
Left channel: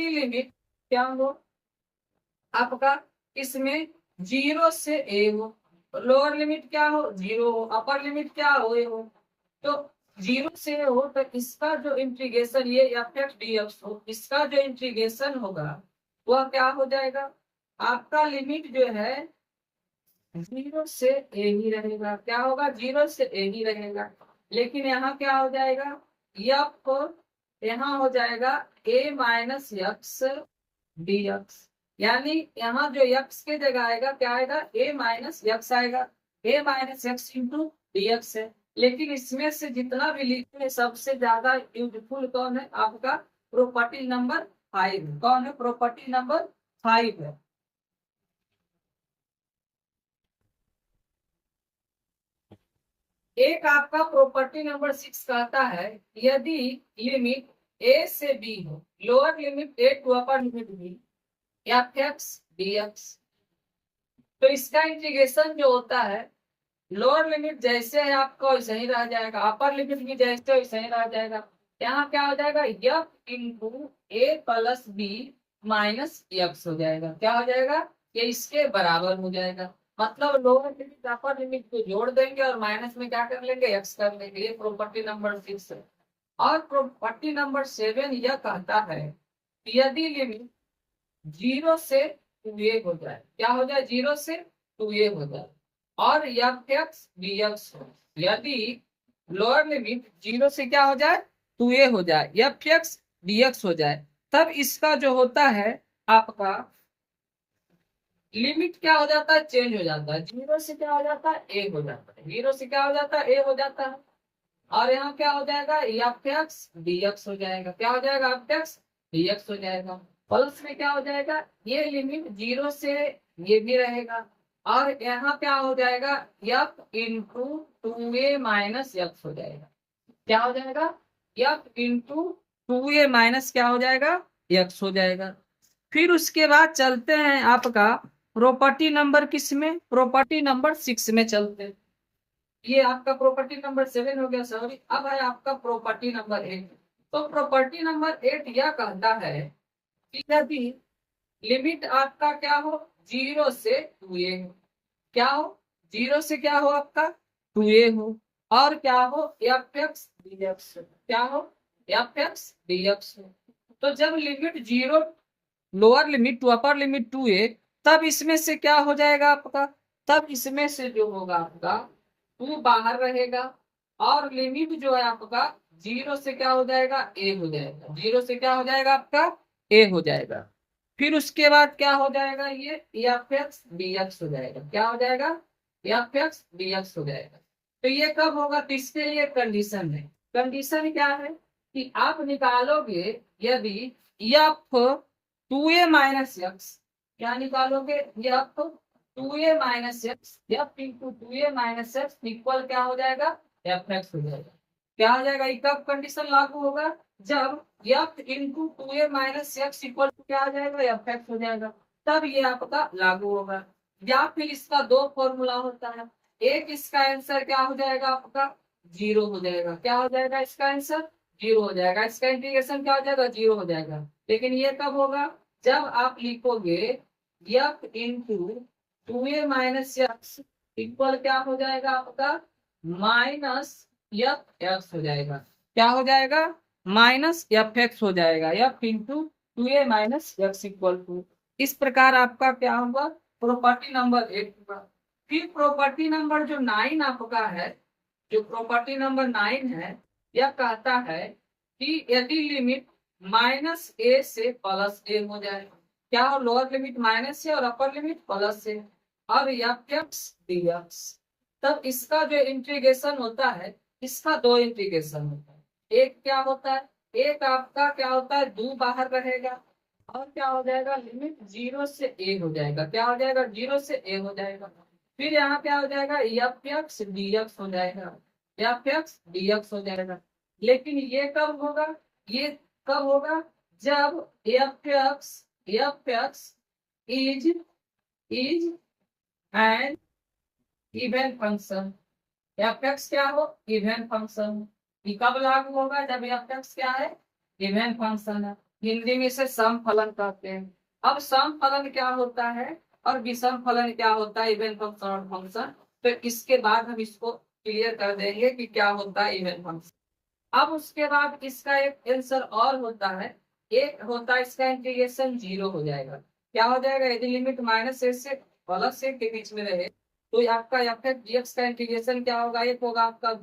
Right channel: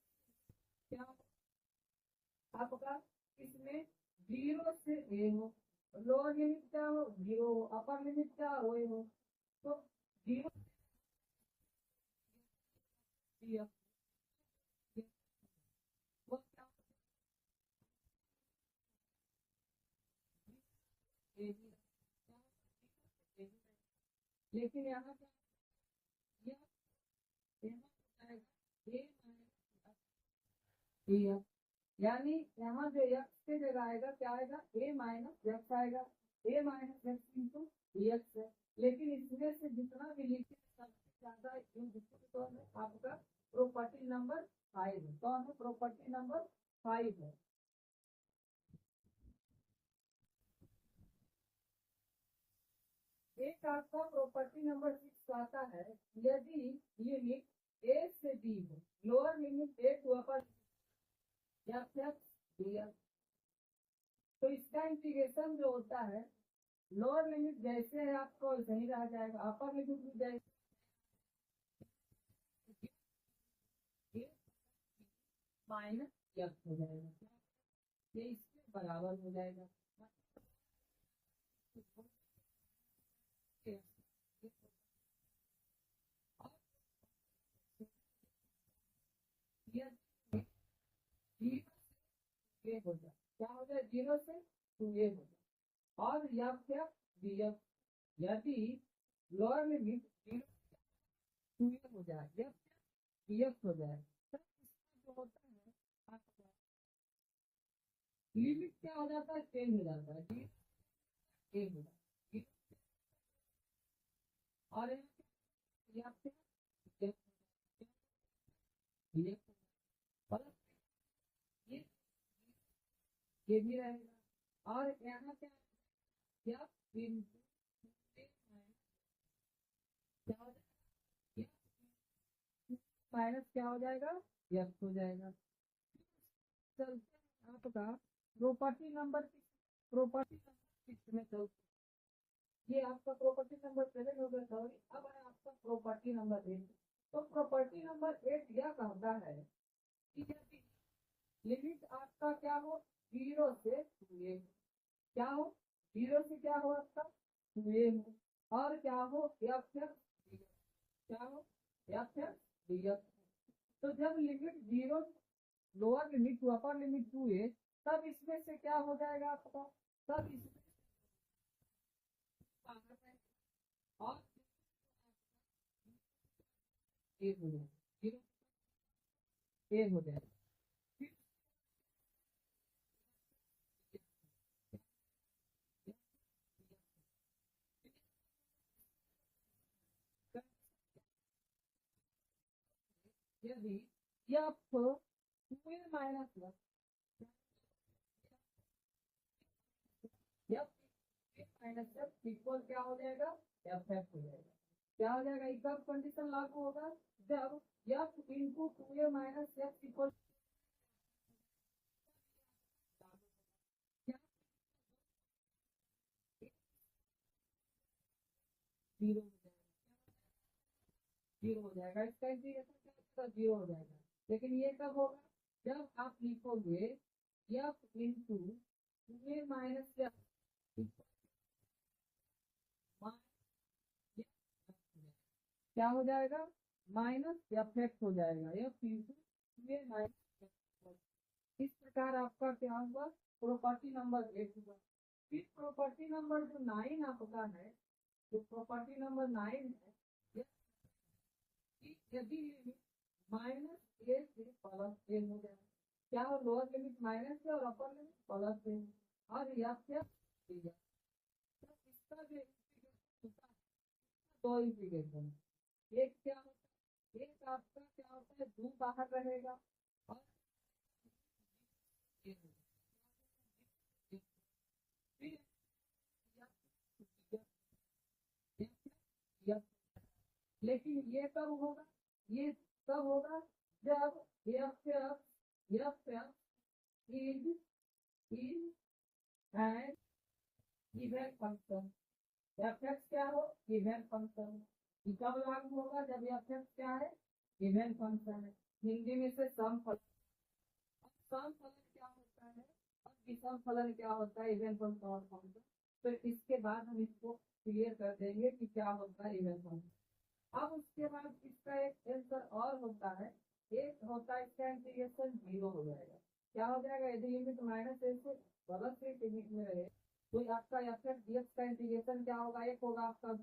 लिमिट क्या हो आपका? इसमें 0 से ए हो, लोअर लिमिट क्या हो? 0 हो, अपर लिमिट क्या हो? ए हो। तो 0 से ए हो तो इसका जो इंटीग्रेशन ये एफ एक्स डी एक्स हो, इसका जो इंटीग्रेशन होगा वह क्या हो जाएगा? आपका लिमिट जो है 0 से ए ही रहेगा। क्या होगा? 0 से ए ही रहेगा। लेकिन यहाँ क्या हो जाएगा? एफ यहाँ हो जाएगा ए माइनस एक्स डी एक्स, यानी यहाँ जो एक्स की जगह आएगा क्या आएगा? ए माइनस एक्स आएगा। A minus x into d x है। लेकिन इसमें से जितना भी लिखे सबसे ज्यादा यूजफुल कौन है? आपका प्रॉपर्टी नंबर 5। कौन है? प्रॉपर्टी नंबर 5 है। एक आपका प्रॉपर्टी नंबर 6 कहता है यदि लिमिट ए से बी हो, lower limit A to upper limit B F X D X, तो इसका इंटीग्रेशन जो होता है लोअर लिमिट जैसे है आपका वैसे ही रह जाएगा, अपर लिमिट भी जैसे वैसे ही रह जाएगा। यहाँ क्या हो जाएगा? एफ इंटू ए प्लस बी माइनस एक्स हो जाएगा। क्या हो जाएगा? ये इसके बराबर हो जाएगा। मतलब लोअर लिमिट अपर लिमिट को जोड़ देंगे और माइनस में क्या कर लेंगे? एक्स कर लेंगे। ये प्रॉपर्टी नंबर 6 है। और प्रॉपर्टी नंबर 7 यह कहता है कि यदि लिमिट 0 से 2a हो जाए, क्या हो जाए, 0 से 2a हो जाए, और एफ एक्स डी एक्स हो, यदि लोअर लिमिट 0 से क्या हो जाए, 2a हो जाए, एफ एक्स डी एक्स हो जाए, तब इसका जो होता है आपका लिमिट क्या हो जाता है, चेंज हो जाता है, 0 से क्या हो जाता है, ए हो जाता है, 0 से क्या हो जाता है, ए हो जाता है, और यहाँ क्या हो जाएगा, एफ एक्स डी एक्स हो जाएगा, क्या हो जाएगा, एफ एक्स डी एक्स हो जाएगा। प्लस में क्या हो जाएगा, ये लिमिट 0 से ये भी रहेगा, और यहाँ क्या हो जाएगा, F into 2a minus x हो जाएगा, क्या हो जाएगा, एफ इंटू 2a माइनस क्या हो जाएगा, एक्स हो जाएगा। फिर उसके बाद चलते हैं आपका प्रॉपर्टी नंबर किस में, प्रॉपर्टी नंबर 6 में चलते हैं। ये आपका प्रॉपर्टी नंबर 7 हो गया, सॉरी, अब है आपका प्रॉपर्टी नंबर 8। तो प्रॉपर्टी नंबर 8 यह कहता है कि यदि लिमिट आपका क्या हो, 0 से 2a हो, क्या हो, 0 से क्या हो आपका, 2a हो, और क्या हो, एफ एक्स डी एक्स, क्या हो, एफ एक्स डी एक्स हो। तो जब limit 0, lower limit to upper limit 2a, तब इसमें से क्या हो जाएगा आपका, तब इसमें से जो होगा आपका 2 बाहर रहेगा, और लिमिट जो है आपका 0 से क्या हो जाएगा, a हो जाएगा, 0 से क्या हो जाएगा आपका, a हो जाएगा। फिर उसके बाद क्या हो जाएगा, ये एफ एक्स डी एक्स हो जाएगा, क्या हो जाएगा, एफ एक्स डी एक्स हो जाएगा। तो ये कब होगा, तो इसके लिए कंडीशन है, कंडीशन क्या है कि आप निकालोगे यदि एफ 2a माइनस एक्स, क्या निकालोगे, F 2a minus x, F into 2a minus X equal क्या हो जाएगा, एफ एक्स हो जाएगा, क्या हो जाएगा, ये कब कंडीशन लागू होगा, जब F into 2a minus X equal to क्या हो जाएगा, एफ एक्स हो जाएगा, तब ये आपका लागू होगा। या फिर इसका दो फॉर्मूला होता है, एक इसका आंसर क्या हो जाएगा आपका, 0 हो जाएगा, क्या हो जाएगा इसका आंसर, 0 हो जाएगा, इसका इंटीग्रेशन क्या हो जाएगा, 0 हो जाएगा। लेकिन ये कब होगा, जब आप लिखोगे F into 2a minus X equal क्या हो जाएगा आपका, माइनस एफ एक्स हो जाएगा, क्या हो जाएगा, माइनस एफ एक्स हो जाएगा, F into 2a minus X equal to, इस प्रकार आपका क्या होगा, प्रॉपर्टी नंबर 8 होगा। फिर प्रॉपर्टी नंबर जो 9 आपका है, जो प्रॉपर्टी नंबर 9 है, यह कहता है कि यदि लिमिट माइनस ए से प्लस ए हो जाए, क्या हो, लोअर लिमिट माइनस से और अपर लिमिट प्लस से, अब एफ एक्स डी एक्स, तब इसका जो इंटीग्रेशन होता है, इसका दो इंटीग्रेशन होता है, एक क्या होता है, एक आपका क्या होता है, 2 बाहर रहेगा, और क्या हो जाएगा, लिमिट 0 से ए हो जाएगा, क्या हो जाएगा, 0 से ए हो जाएगा। फिर यहाँ क्या हो जाएगा, एफ एक्स डी एक्स हो जाएगा, एफ एक्स डी एक्स हो जाएगा। लेकिन ये कब होगा, ये कब होगा, जब F x is is an even function, F x क्या हो, इवन फंक्शन। ये कब लागू होगा, जब एफ एक्स क्या है, इवन फंक्शन है, हिंदी में इसे सम फलन कहते हैं। अब सम फलन क्या होता है और विषम फलन क्या होता है, इवन फंक्शन और फंक्शन, तो इसके बाद हम इसको क्लियर कर देंगे कि क्या होता है इवन फंक्शन। अब उसके बाद इसका एक आंसर और होता है, एक होता है इसका इंटीग्रेशन 0 हो जाएगा, क्या हो जाएगा, यदि लिमिट माइनस ए से प्लस ए के बीच में रहे, तो आपका एफ एक्स डी एक्स का इंटीग्रेशन क्या होगा, एक होगा आपका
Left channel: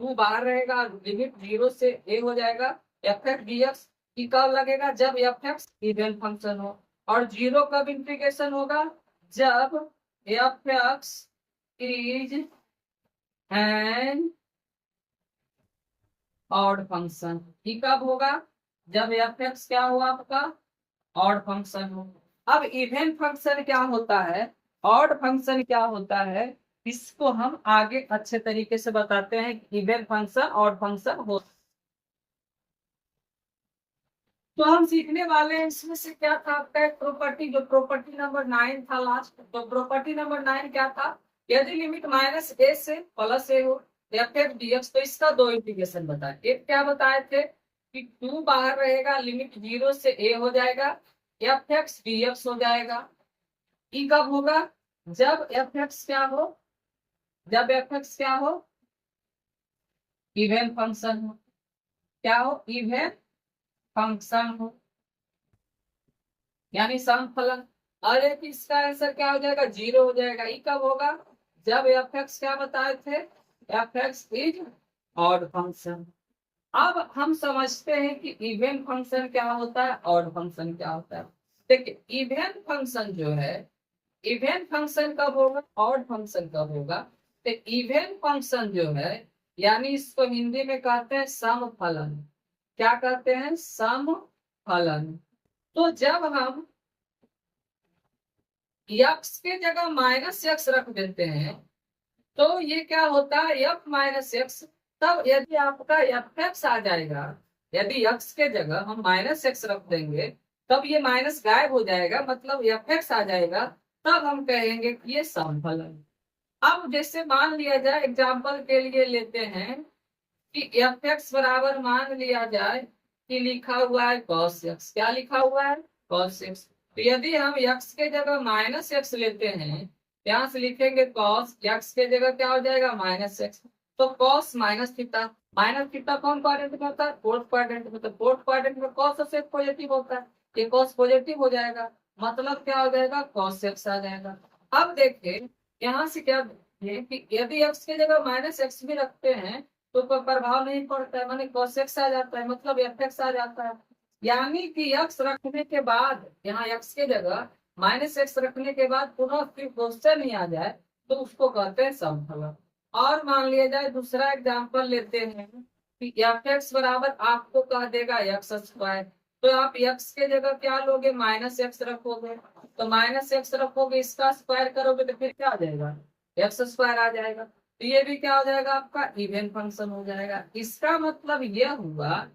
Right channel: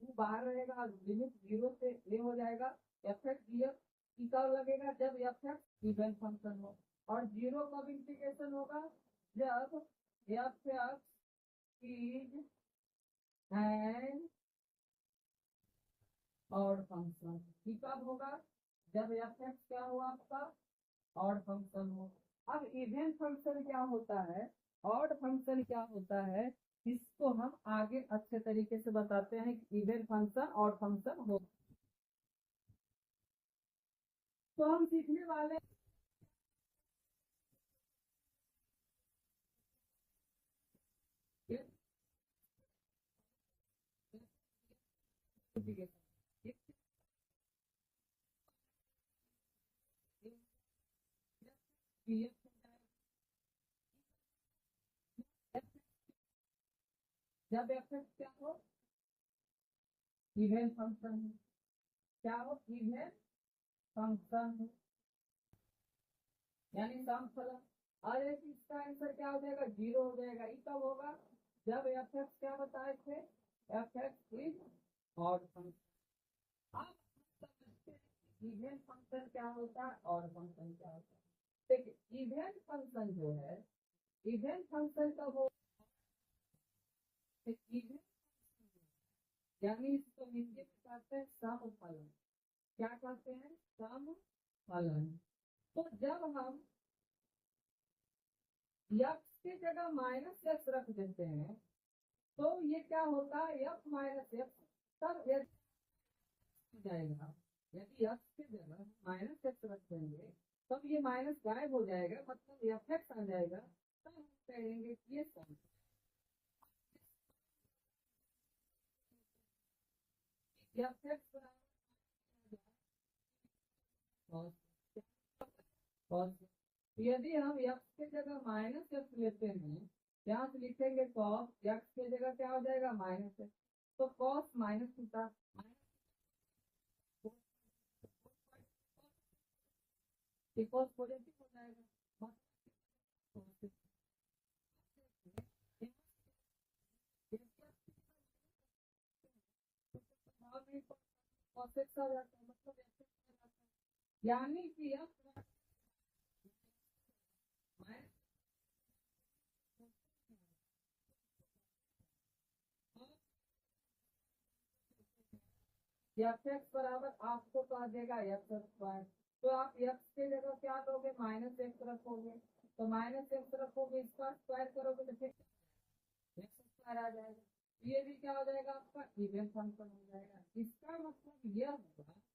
2 बाहर रहेगा, लिमिट 0 से ए हो जाएगा, एफ एक्स डी एक्स की कब लगेगा, जब एफ एक्स इवन फंक्शन हो, और 0 कब इंटीग्रेशन होगा, जब F x is an odd function. ठीक, कब होगा, जब एफ एक्स क्या हुआ आपका, ऑड फंक्शन हो। अब इवन फंक्शन क्या होता है, ऑड फंक्शन क्या होता है, इसको हम आगे अच्छे तरीके से बताते हैं, इवन फंक्शन ऑड फंक्शन हो। तो हम सीखने वाले हैं, इसमें से क्या था आपका एक प्रॉपर्टी, जो प्रॉपर्टी नंबर 9 था लास्ट, तो प्रॉपर्टी नंबर 9 क्या था, यदि लिमिट माइनस ए से प्लस ए हो, एफ एक्स डी एक्स, तो इसका दो इंटीग्रेशन बताए, एक क्या बताए थे कि 2 बाहर रहेगा, लिमिट 0 से ए हो जाएगा, एफ एक्स डी एक्स हो जाएगा। ई कब होगा, जब एफ एक्स क्या हो, जब एफ एक्स क्या हो, इवन फंक्शन हो। क्या हो, इवन फंक्शन हो, यानी समफलन। और एक इसका आंसर क्या हो जाएगा, 0 हो जाएगा। ये कब होगा, जब एफ एक्स क्या बताए थे, F x is odd function. अब हम समझते हैं कि इवन फंक्शन क्या होता है, ऑड फंक्शन क्या होता है। देखिए इवन फंक्शन जो है, इवन फंक्शन कब होगा, ऑड फंक्शन कब होगा। तो इवन फंक्शन जो है, यानी इसको हिंदी में कहते हैं समफलन। क्या कहते हैं, समफलन। तो जब हम यक्स के जगह माइनस यक्स रख देते हैं, तो ये क्या होता है, एफ माइनस एक्स। तब यदि आपका एफ एक्स आ जाएगा, यदि एक्स के जगह हम माइनस एक्स रख देंगे, तब ये माइनस गायब हो जाएगा, मतलब एफ एक्स आ जाएगा। तब हम कहेंगे कि ये समफलन। अब जैसे मान लिया जाए, एग्जाम्पल के लिए लेते हैं कि एफ एक्स बराबर मान लिया जाए कि लिखा हुआ है cos x। क्या लिखा हुआ है, cos x। तो यदि हम x के जगह माइनस एक्स लेते हैं, यहाँ से लिखेंगे cos x के जगह क्या हो जाएगा, माइनस एक्स। तो cos माइनस थीटा कौन क्वाड्रेंट में होता है, फोर्थ क्वाड्रेंट में। तो फोर्थ क्वाड्रेंट में cos से पॉजिटिव होता है, ये cos पॉजिटिव हो जाएगा, मतलब क्या हो जाएगा, cos x आ जाएगा। अब देखिए यहाँ से क्या है कि यदि x के जगह माइनस एक्स भी रखते हैं तो कोई प्रभाव नहीं पड़ता है, माने cos x आ जाता है, मतलब एफ एक्स आ जाता है। यानी कि x रखने के बाद, यहाँ x के जगह माइनस एक्स रखने के बाद पुनः फिर क्वेश्चन ही आ जाए, तो उसको कहते हैं समफलन। और मान लिया जाए दूसरा एग्जांपल लेते हैं कि एफ एक्स बराबर आपको कह देगा एक्स स्क्वायर। तो आप x के जगह क्या लोगे, माइनस एक्स रखोगे। तो माइनस एक्स रखोगे, इसका स्क्वायर करोगे तो फिर क्या आ जाएगा, एक्स स्क्वायर आ जाएगा। तो ये भी क्या हो जाएगा, आपका इवन फंक्शन हो जाएगा। इसका मतलब यह हुआ,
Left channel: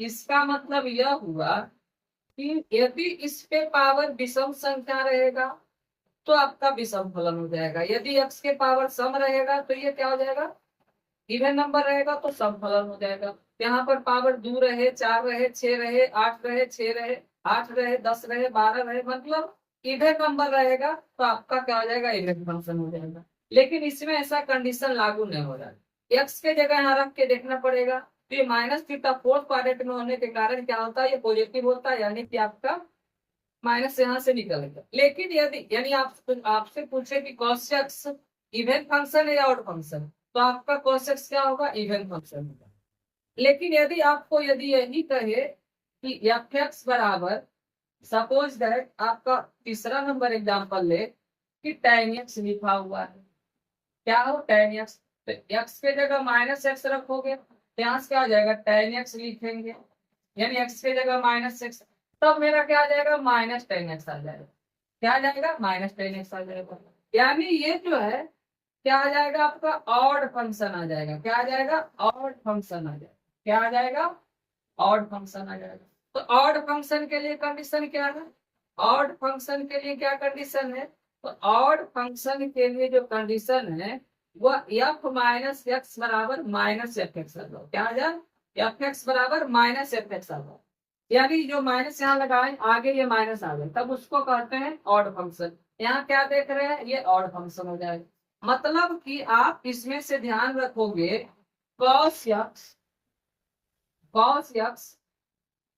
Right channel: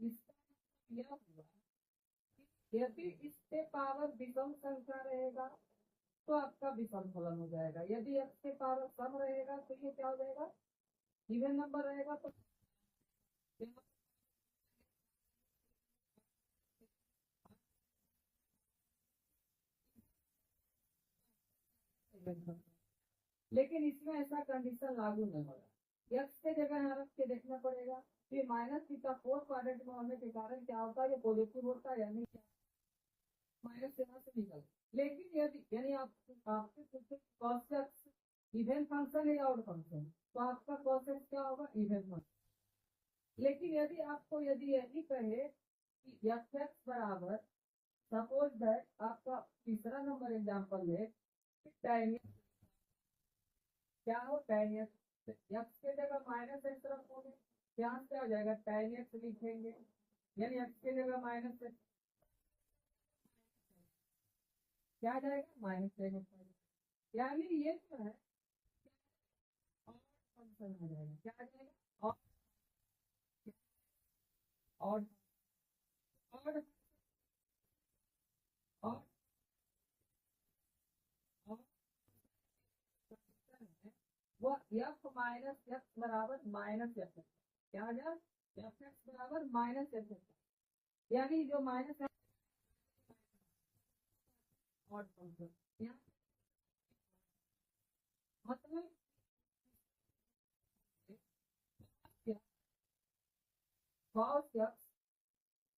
इसका मतलब यह हुआ कि यदि इस पे पावर विषम संख्या रहेगा तो आपका विषम फलन हो जाएगा। यदि x के पावर सम रहेगा तो ये क्या हो जाएगा, इवन नंबर रहेगा तो समफलन हो जाएगा। यहाँ पर पावर 2 रहे, 4 रहे, 6 रहे, 8 रहे, 6 रहे, 8 रहे, 10 रहे, 12 रहे, मतलब इवन नंबर रहेगा तो आपका क्या हो जाएगा, इवन फंक्शन हो जाएगा। लेकिन इसमें ऐसा कंडीशन लागू नहीं हो रहा है, एक्स के जगह यहाँ रख के देखना पड़ेगा। तो ये माइनस थीटा फोर्थ क्वाड्रेंट में होने के कारण क्या होता है, ये पॉजिटिव होता है, यानी कि आपका माइनस यहाँ से निकलेगा। लेकिन यदि यानी आप आपसे पूछे कि cos x इवन फंक्शन है या ऑड फंक्शन, तो आपका cos x क्या होगा, इवन फंक्शन होगा। लेकिन यदि आपको यदि यही कहे कि एफ एक्स बराबर, सपोज दैट आपका तीसरा नंबर एग्जांपल ले कि tan x लिखा हुआ है, क्या हो tan x। तो x के जगह माइनस एक्स रखोगे तो यहाँ से क्या हो जाएगा, tan x लिखेंगे, यानी x के जगह माइनस एक्स। तब मेरा क्या आ जाएगा, माइनस tan x आ जाएगा। क्या आ जाएगा, माइनस tan x आ जाएगा। यानी ये जो है क्या आ जाएगा, आपका ऑड फंक्शन आ जाएगा। क्या आ जाएगा, ऑड फंक्शन आ जाएगा। क्या आ जाएगा, ऑड फंक्शन आ जाएगा। तो ऑड फंक्शन के लिए कंडीशन क्या है, ऑड फंक्शन के लिए क्या कंडीशन है, तो ऑड फंक्शन के लिए जो कंडीशन है वह एफ माइनस एक्स बराबर माइनस एफ एक्स आ जाओ। क्या आ जाए, एफ एक्स बराबर माइनस एफ एक्स आ जाओ। यानी जो माइनस यहाँ लगाए आगे ये माइनस आ जाए, तब उसको कहते हैं ऑड फंक्शन। यहाँ क्या देख रहे हैं, ये ऑड फंक्शन हो जाएगा। मतलब कि आप इसमें से ध्यान रखोगे cos x, cos x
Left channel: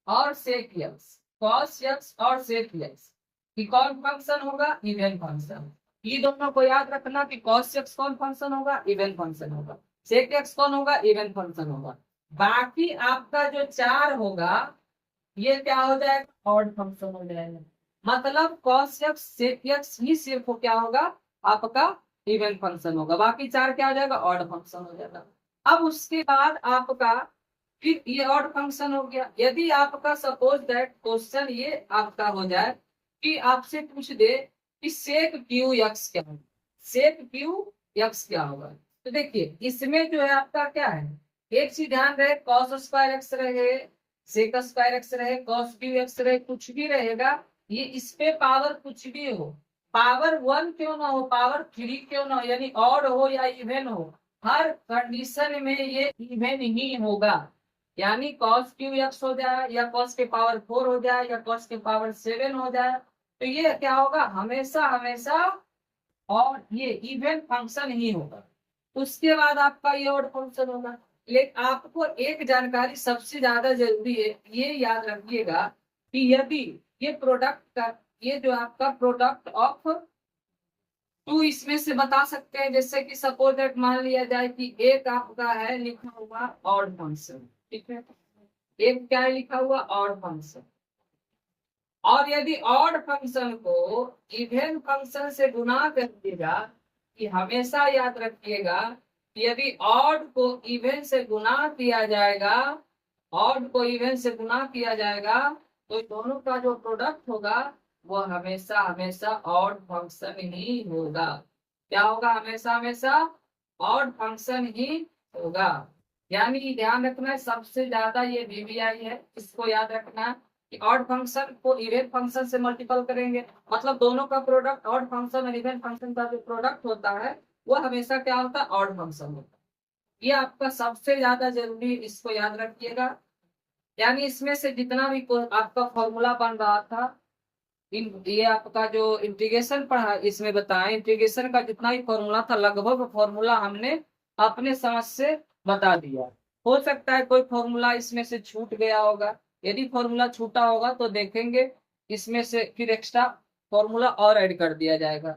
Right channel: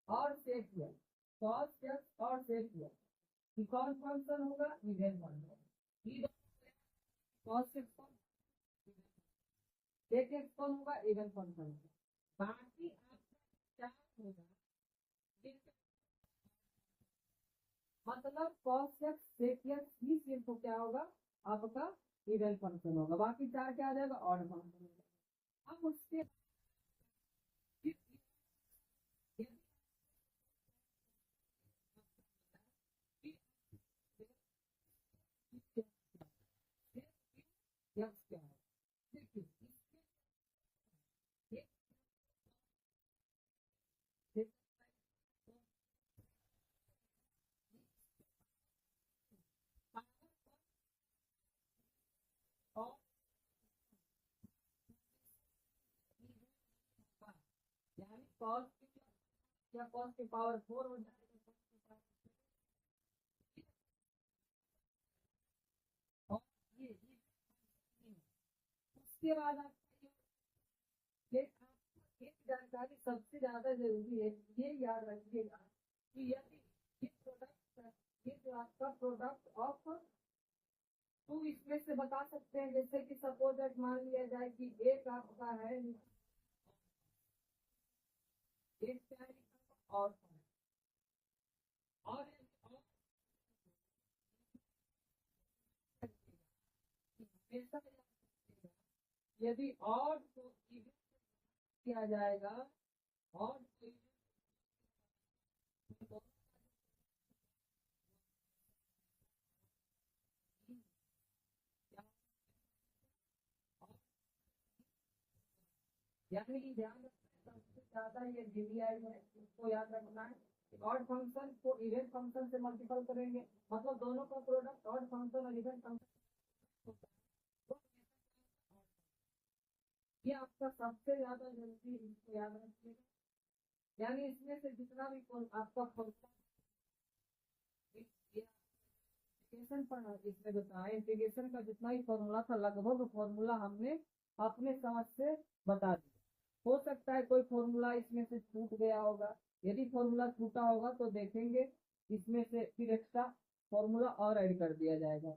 और sec x, cos x और sec x कि कौन फंक्शन होगा, इवन फंक्शन। ये दोनों को याद रखना कि cos x कौन फंक्शन होगा, इवन फंक्शन होगा। sec x कौन होगा, इवन फंक्शन होगा। बाकी आपका जो 4 होगा ये क्या हो जाएगा, ऑड फंक्शन हो जाएगा। मतलब cos x sec x ही सिर्फ क्या होगा, आपका इवन फंक्शन होगा, बाकी 4 क्या हो जाएगा, ऑड फंक्शन हो जाएगा। अब उसके बाद आपका फिर ये ऑड फंक्शन हो गया। यदि आपका सपोज दैट क्वेश्चन ये आपका हो जाए कि आपसे पूछ दे कि सेक क्यू एक्स क्या होगा, सेक क्यू एक्स क्या होगा। तो देखिए इसमें जो है आपका क्या है, एक चीज ध्यान रहे, कॉस स्क्वायर एक्स रहे, सेक स्क्वायर एक्स रहे, कॉस क्यू एक्स रहे, कुछ भी रहेगा, ये इस पे पावर कुछ भी हो, पावर 1 क्यों ना हो, पावर 3 क्यों ना हो, यानी ऑड हो या इवन हो, हर कंडीशन में ये इवन ही होगा। यानी cos क्यू एक्स हो जाए या cos के पावर 4 हो जाए या cos के पावर 7 हो जाए, तो ये क्या होगा, हमेशा हमेशा और ये इवन फंक्शन ही होगा। उसके बाद आपका ये ऑड फंक्शन होगा। लेकिन आपको एक जानकारी सबसे ज्यादा जरूरी है, ये याद रखिएगा कि यदि ये प्रोडक्ट का, ये जो आपका प्रोडक्ट ऑफ टू इसमें से बता सकते हैं, जैसे कि सपोज दैट मान लिया जाए कि एक आपका है लिखा हुआ ऑड फंक्शन, ठीक है, एक क्या है लिखा हुआ ऑड फंक्शन, और यदि ऑड फंक्शन को इवन फंक्शन से गुना कर दिएगा, कि हमेशा याद रखिएगा कि यदि ऑड को इवन से गुना किया जाएगा, ऑड को इवन से गुना किया जाएगा, तो दोनों का जो प्रोडक्ट होगा वो हमेशा हमेशा ऑड फंक्शन ही होगा। क्या होगा? हमेशा हमेशा ऑड फंक्शन ही होगा। यानी ध्यान रखना है, सबसे ज्यादा ये वीवीआई है, इसको याद रखना कि ऑड फंक्शन को इवन फंक्शन से मल्टीपल करेंगे, मतलब दोनों का प्रोडक्ट ऑड फंक्शन और इवन फंक्शन का जो प्रोडक्ट होता है वो हमेशा क्या होता है? ऑड फंक्शन होता है। ये आपका सबसे ज्यादा जरूरी, इसको याद रखिएगा। यानी इसमें से जितना भी आपका फॉर्मूला बन रहा था, ये आपका जो इंटीग्रेशन पढ़ा इसमें बताया, इंटीग्रेशन का जितना भी फॉर्मूला था लगभग फॉर्मूला हमने अपने समझ से बता दिया। हो सकता है कोई फॉर्मूला इसमें से छूट गया होगा, यदि फॉर्मूला छूटा होगा तो देखेंगे इसमें से फिर एक्स्ट्रा फॉर्मूला और ऐड कर दिया जाएगा।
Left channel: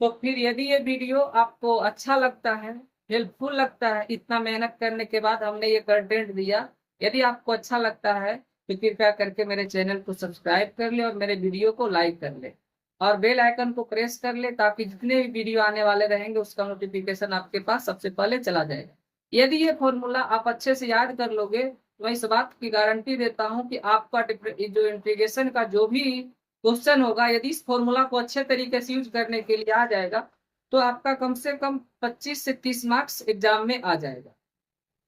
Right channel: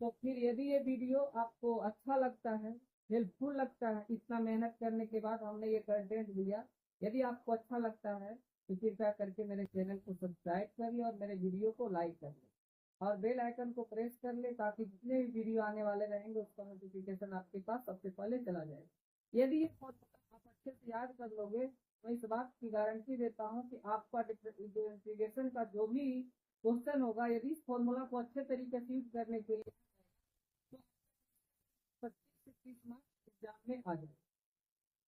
तो फिर यदि ये वीडियो आपको अच्छा लगता है, हेल्पफुल लगता है, इतना मेहनत करने के बाद हमने ये कंटेंट दिया, यदि आपको अच्छा लगता है तो कृपया करके मेरे चैनल को सब्सक्राइब कर ले और मेरे वीडियो को लाइक कर ले और बेल आइकन को प्रेस कर ले, ताकि जितने भी वीडियो आने वाले रहेंगे उसका नोटिफिकेशन आपके पास सबसे पहले चला जाएगा। यदि ये फॉर्मूला आप अच्छे से याद कर लोगे तो मैं इस बात की गारंटी देता हूँ कि आपका जो इंटीग्रेशन का जो भी क्वेश्चन होगा, यदि इस फॉर्मूला को अच्छे तरीके से यूज करने के लिए आ जाएगा तो आपका कम से कम 25 से 30 मार्क्स एग्जाम में आ जाएगा।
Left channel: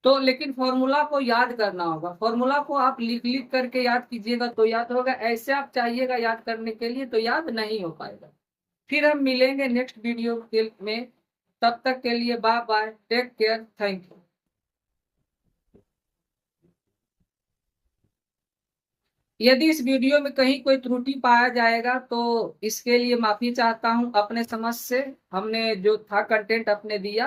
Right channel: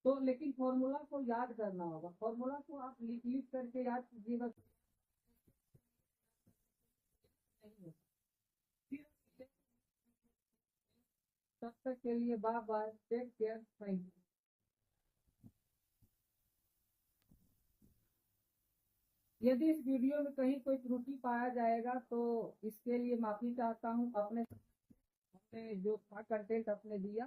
तो लेकिन फॉर्मूला को याद करना होगा, फॉर्मूला को आप लिख लिख करके याद कीजिएगा तो याद होगा, ऐसे आप चाहिएगा याद करने के लिए तो याद नहीं हो पाएगा। फिर हम मिलेंगे नेक्स्ट वीडियो में, तब तक के लिए bye bye, take care, thank you. यदि इस वीडियो में कहीं कोई त्रुटि पाया जाएगा तो इसके लिए माफी चाहता हूं, अपने समझ से हमने जो था कंटेंट अपने दिया